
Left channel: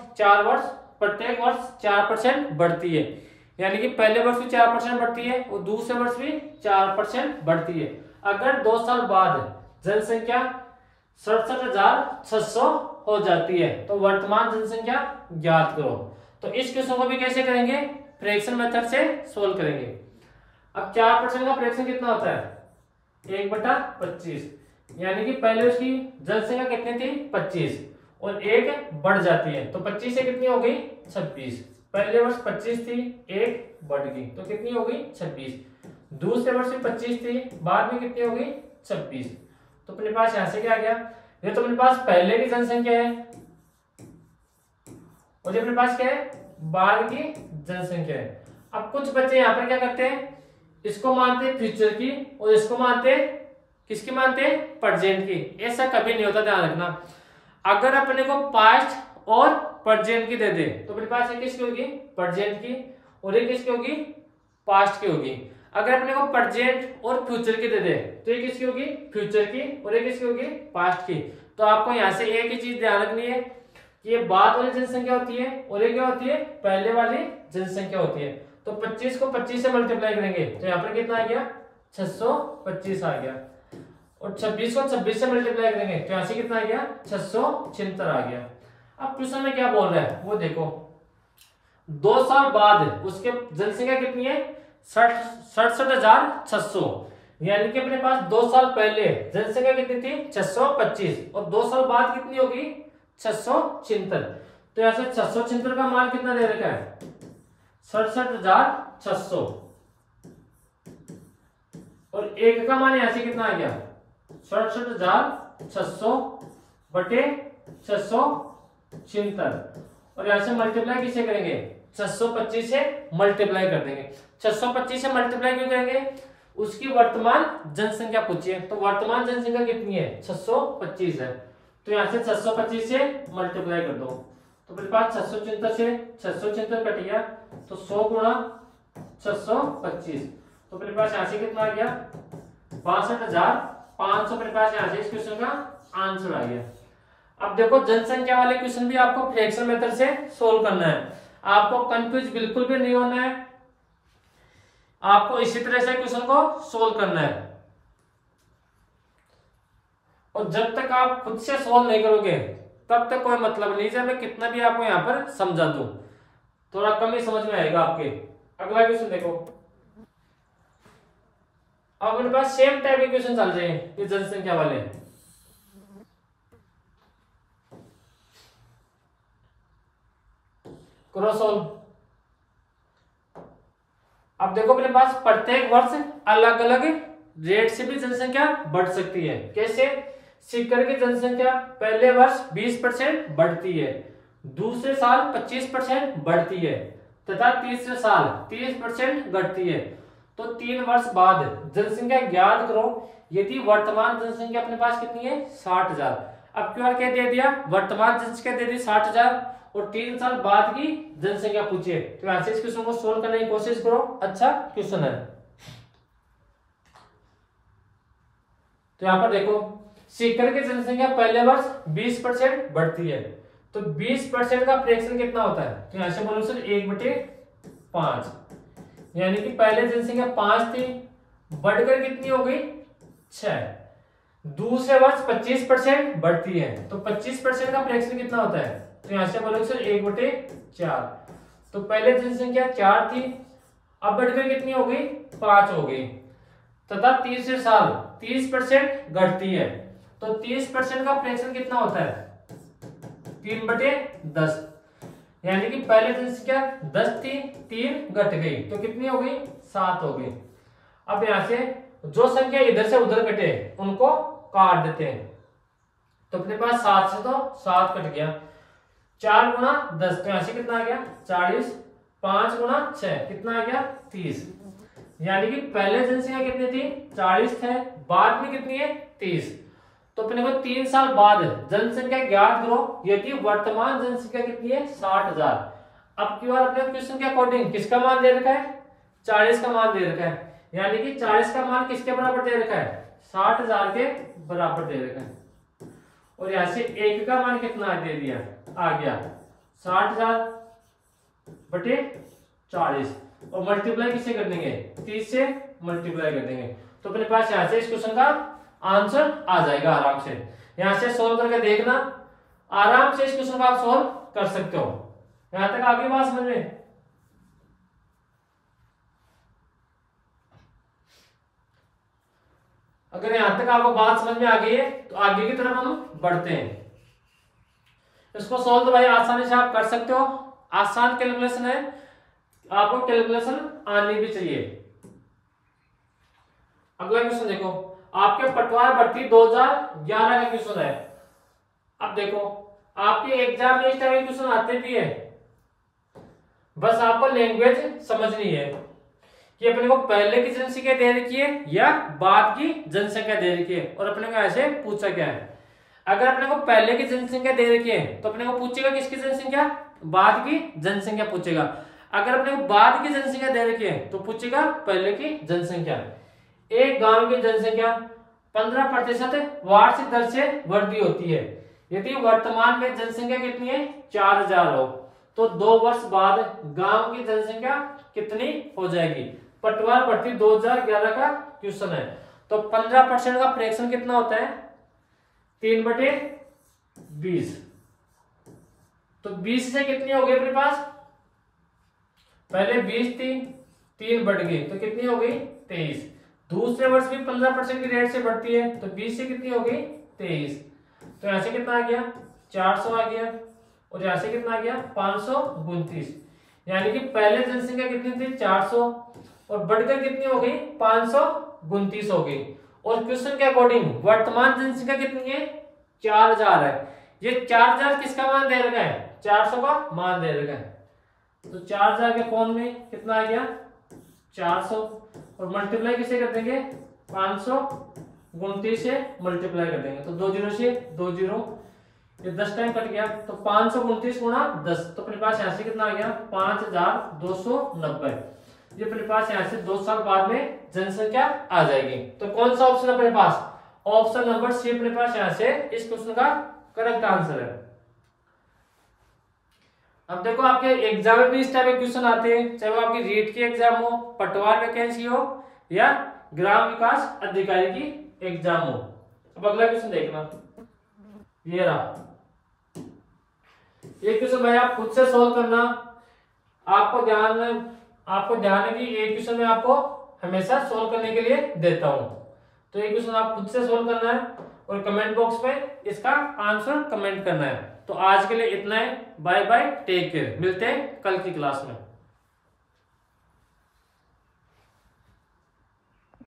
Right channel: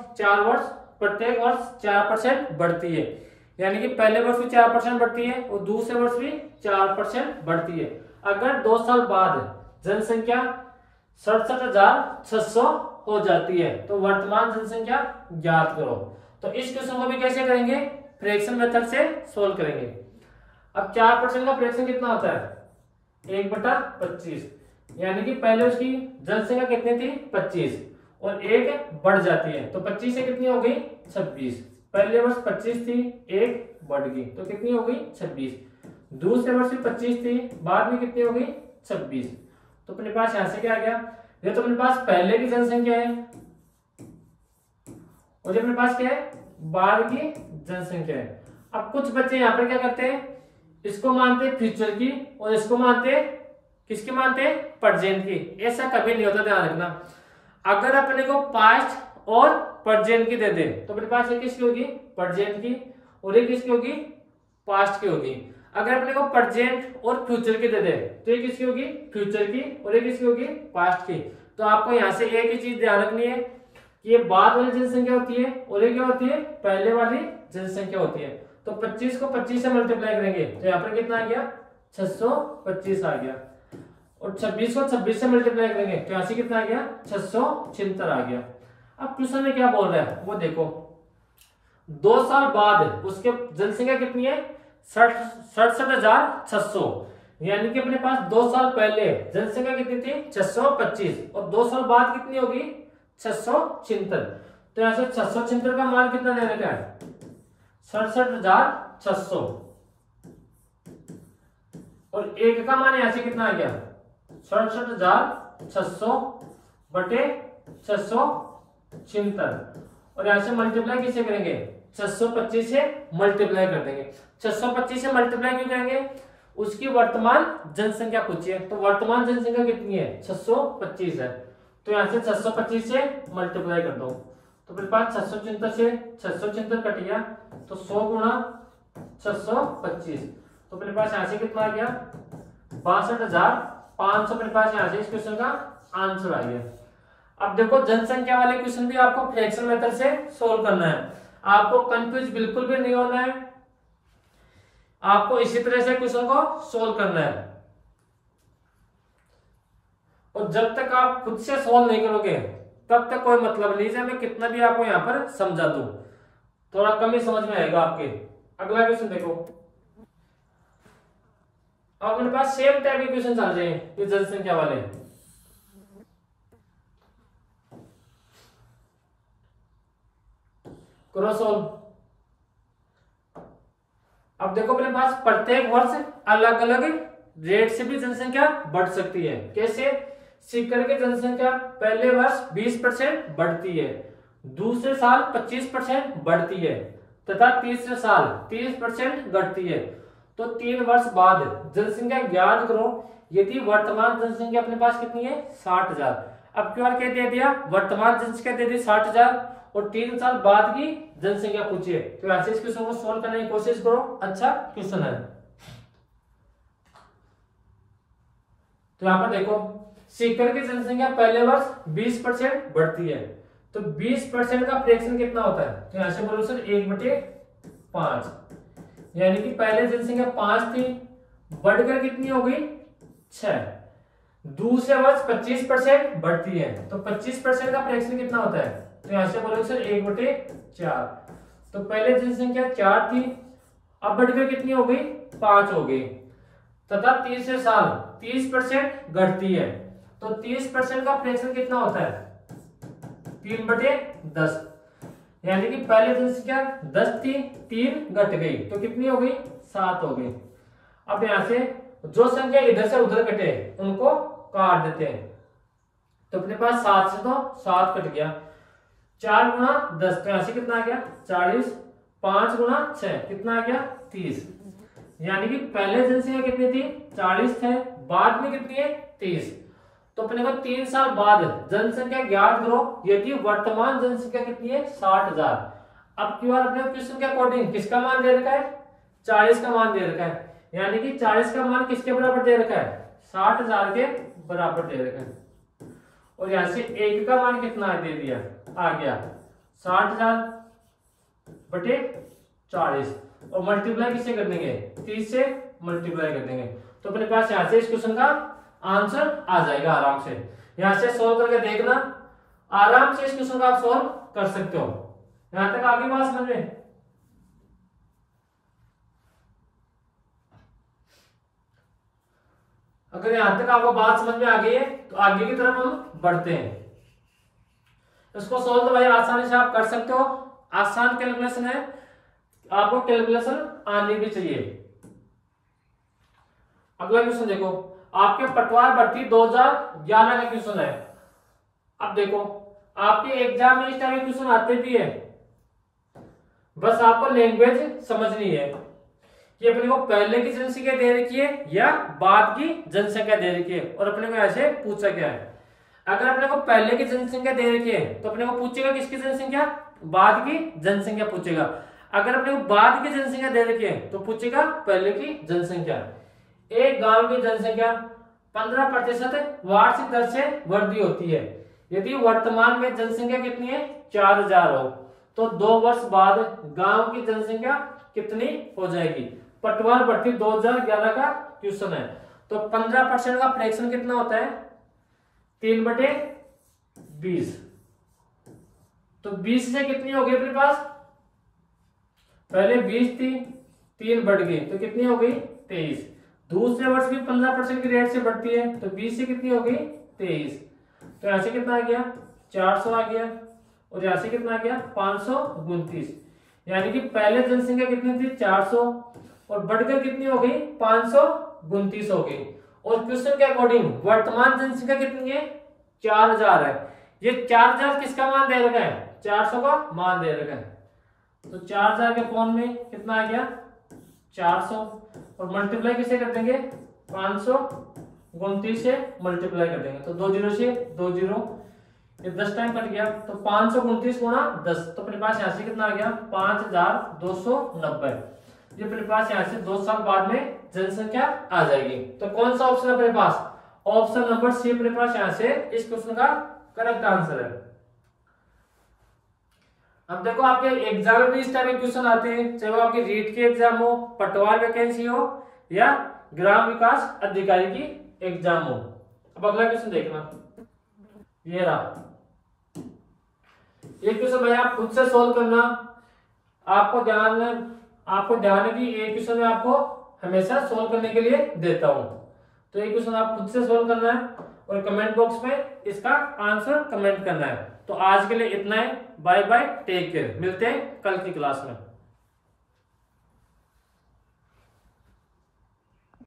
4% बढ़ती है, यानी कि पहले वर्ष भी 4% बढ़ती है और दूसरे वर्ष भी 4% बढ़ती है। अगर 2 साल बाद जनसंख्या 67,600 हो जाती है तो वर्तमान जनसंख्या ज्ञात करो। तो इस क्वेश्चन को भी कैसे करेंगे? फ्रैक्शन मेथड से सोल्व करेंगे। अब 4% का फ्रैक्शन कितना होता है? 1/25, यानी कि पहले उसकी जनसंख्या कितनी थी? 25 और 1 बढ़ जाती है तो 25 से कितनी हो गई? 26। पहले वर्ष 25 थी, 1 बढ़ गई तो कितनी हो गई? 26। दूसरे वर्ष में 25 थी, बाद में कितनी हो गई? 26। तो अपने पास यहां से क्या आ गया? ये तो अपने पास पहले की जनसंख्या है और ये अपने पास क्या है? बाद की जनसंख्या है। अब कुछ बच्चे यहाँ पर क्या करते हैं, इसको मानते हैं फ्यूचर की और इसको मानते हैं, किसकी मानते हैं? प्रेजेंट की। ऐसा कभी नहीं होता, ध्यान रखना। अगर अपने को पास्ट और प्रेजेंट की दे दे तो अपने पास ये किसकी होगी? प्रेजेंट की, और ये किसकी होगी? पास्ट की होगी। अगर अपने को प्रेजेंट और फ्यूचर की दे दे तो ये किसकी होगी? फ्यूचर की, और ये किसकी होगी? पास्ट की। तो आपको यहाँ से एक ही चीज ध्यान रखनी है कि ये बाद वाली जनसंख्या होती है और ये क्या होती है? पहले वाली जनसंख्या होती है। तो 25 को 25 से मल्टीप्लाई करेंगे तो यहाँ पर कितना आ गया? 625 आ गया। और 26 को 26 से मल्टीप्लाई करेंगे तो यहाँ से कितना आ गया? 676 आ गया। अब क्वेश्चन में क्या बोल रहा है वो देखो। 2 साल बाद उसके जनसंख्या कितनी है? 67,600, यानी कि अपने पास 2 साल पहले जनसंख्या कितनी थी? 625 और 2 साल बाद कितनी होगी? 676। तो यहाँ से 676 का मान कितना दे रखा है? 67,600 और 1 का मान यहाँ से कितना आ गया? 67,600 बटे 676 और यहां से मल्टीप्लाई किसे करेंगे? 625 से मल्टीप्लाई कर देंगे। 625 से मल्टीप्लाई क्यों करेंगे? उसकी वर्तमान जनसंख्या पूछिए, तो वर्तमान जनसंख्या कितनी है? 625 है। तो यहां से 625 से मल्टीप्लाई कर दो तो मेरे पास 676 से 676 कट गया तो 100 गुणा 625 तो मेरे पास यहां से कितना आ गया? 62,500 मेरे पास यहां से इस क्वेश्चन का आंसर आ गया। अब देखो जनसंख्या वाले क्वेश्चन भी आपको फ्रैक्शन मेथड से सोल्व करना है। आपको कंफ्यूज बिल्कुल भी नहीं होना है, आपको इसी तरह से क्वेश्चन को सोल्व करना है। और जब तक आप खुद से सोल्व नहीं करोगे तब तक कोई मतलब नहीं है मैं कितना भी आपको यहां पर समझा दूं, थोड़ा कम ही समझ में आएगा आपके। अगला क्वेश्चन देखो। अब मेरे पास सेम टाइप के क्वेश्चन चल रहे हैं ये जनसंख्या वाले। करो सोल्व। अब देखो अपने पास प्रत्येक वर्ष अलग अलग रेट से भी जनसंख्या बढ़ सकती है। कैसे? सीकर की जनसंख्या पहले वर्ष 20% बढ़ती है, दूसरे साल 25% बढ़ती है तथा तीसरे साल 30% घटती है। तो 3 वर्ष बाद जनसंख्या ज्ञात करो यदि वर्तमान जनसंख्या अपने पास कितनी है? 60,000। अब क्यों क्या दे दिया? वर्तमान जनसंख्या दे दी 60,000 और 3 साल बाद की जनसंख्या पूछिए। तो यहां से इस क्वेश्चन को सोल्व करने की कोशिश करो, अच्छा क्वेश्चन है। तो यहां पर देखो सीकर की जनसंख्या पहले वर्ष 20% बढ़ती है तो 20% का फ्रैक्शन कितना होता है? तो यहां से बोलो सर 1/5, यानी कि पहले जनसंख्या 5 थी बढ़कर कितनी हो गई? 6। दूसरे वर्ष 25% बढ़ती है तो 25% का फ्रैक्शन कितना होता है? तो यहां से बोलो सर 1/4। तो पहले जनसंख्या 4 थी अब बढ़कर कितनी हो गई? 5 हो गई तथा तीसरे साल 30% घटती है तो 30% का फ्रैक्शन कितना होता है? 3/10। यानी कि पहले जनसंख्या 10 थी, 3 घट गई तो कितनी हो गई, 7 हो गई। अब यहां से जो संख्या इधर से उधर कटे उनको काट देते हैं। तो अपने पास 7 से तो 7 कट गया, 4 गुना 10 तो यहां से कितना आ गया 40, 5 गुना 6 कितना आ गया 30। यानी कि पहले जनसंख्या कितनी थी 40 थे, बाद में कितनी है 30। तो अपने को 3 साल बाद जनसंख्या ज्ञात करो, यदि वर्तमान जनसंख्या कितनी है 60,000। अब की बार अपने क्वेश्चन के अकॉर्डिंग किसका मान दे रखा है 40 का मान दे रखा है, यानी कि 40 का मान किसके बराबर दे रखा है 60,000 के बराबर दे रखा है। और यहां से 1 का मान कितना दे दिया आ गया 60,000 बटे 40 और मल्टीप्लाई किससे कर देंगे 30 से मल्टीप्लाई कर देंगे। तो अपने पास यहां से इस क्वेश्चन का आंसर आ जाएगा आराम से। यहां से सोल्व करके देखना, आराम से इस क्वेश्चन को आप सोल्व कर सकते हो। यहां तक आगे बात समझ में? अगर यहां तक आपको बात समझ में आ गई है तो आगे की तरफ हम बढ़ते हैं। इसको सोल्व तो भाई आसानी से आप कर सकते हो, आसान कैलकुलेशन है, आपको कैलकुलेशन आनी भी चाहिए। अगला क्वेश्चन देखो, आपके पटवार भर्ती 2011 का क्वेश्चन है। अब देखो आपके एग्जाम में इस टाइप के क्वेश्चन आते भी है, बस आपको लैंग्वेज समझनी है कि अपने को पहले की जनसंख्या दे रखी है या बाद की जनसंख्या दे रखी है और अपने को ऐसे पूछा गया है। अगर अपने को पहले की जनसंख्या दे रखी है तो अपने को पूछेगा किसकी जनसंख्या, बाद की जनसंख्या पूछेगा। अगर अपने को बाद की जनसंख्या दे रखी है तो पूछेगा पहले की जनसंख्या। एक गांव की जनसंख्या 15% वार्षिक दर से वृद्धि होती है। यदि वर्तमान में जनसंख्या कितनी है 4000 हो तो 2 वर्ष बाद गांव की जनसंख्या कितनी हो जाएगी। पटवार भर्ती 2011 का क्वेश्चन है। तो 15% का फ्रैक्शन कितना होता है 3/20। तो 20 से कितनी हो गई अपने पास, पहले 20 थी 3 बढ़ गई तो कितनी हो गई 23। दूसरे वर्ष भी 15% की रेट से बढ़ती है तो 20 से कितनी हो गई 23। तो यहां से कितना आ गया 400 आ गया और यहां से कितना आ गया 529। यानी कि पहले जनसंख्या कितनी थी 400 और बढ़कर कितनी हो गई 529 हो गई। और क्वेश्चन के अकॉर्डिंग वर्तमान जनसंख्या कितनी है 4000 है। ये 4000 किसका मान दे रखा है 400 का मान दे रखा है। तो 4000 के फॉर्म में कितना आ गया 400 और मल्टीप्लाई किसे कर देंगे 529 से मल्टीप्लाई कर देंगे तो 2 0 से 2 0, ये 10 टाइम कट गया तो 529 गुणा 10 तो अपने पास यहाँ से कितना आ गया 5290। ये अपने पास यहाँ से 2 साल बाद में जनसंख्या आ जाएगी। तो कौन सा ऑप्शन है अपने पास, ऑप्शन नंबर सी अपने पास यहाँ से इस क्वेश्चन का करेक्ट आंसर है। अब देखो आपके एग्जाम में भी इस टाइप के क्वेश्चन आते हैं, चाहे वो आपकी रीट की एग्जाम हो, पटवार वैकेंसी हो या ग्राम विकास अधिकारी की एग्जाम हो। अब अगला क्वेश्चन देखना, ये रहा ये क्वेश्चन भाई आप खुद से सोल्व करना। आपको ध्यान है कि एक क्वेश्चन में आपको हमेशा सोल्व करने के लिए देता हूं, तो ये क्वेश्चन आप खुद से सोल्व करना है और कमेंट बॉक्स में इसका आंसर कमेंट करना है। तो आज के लिए इतना है, बाय बाय, टेक केयर, मिलते हैं कल की क्लास में।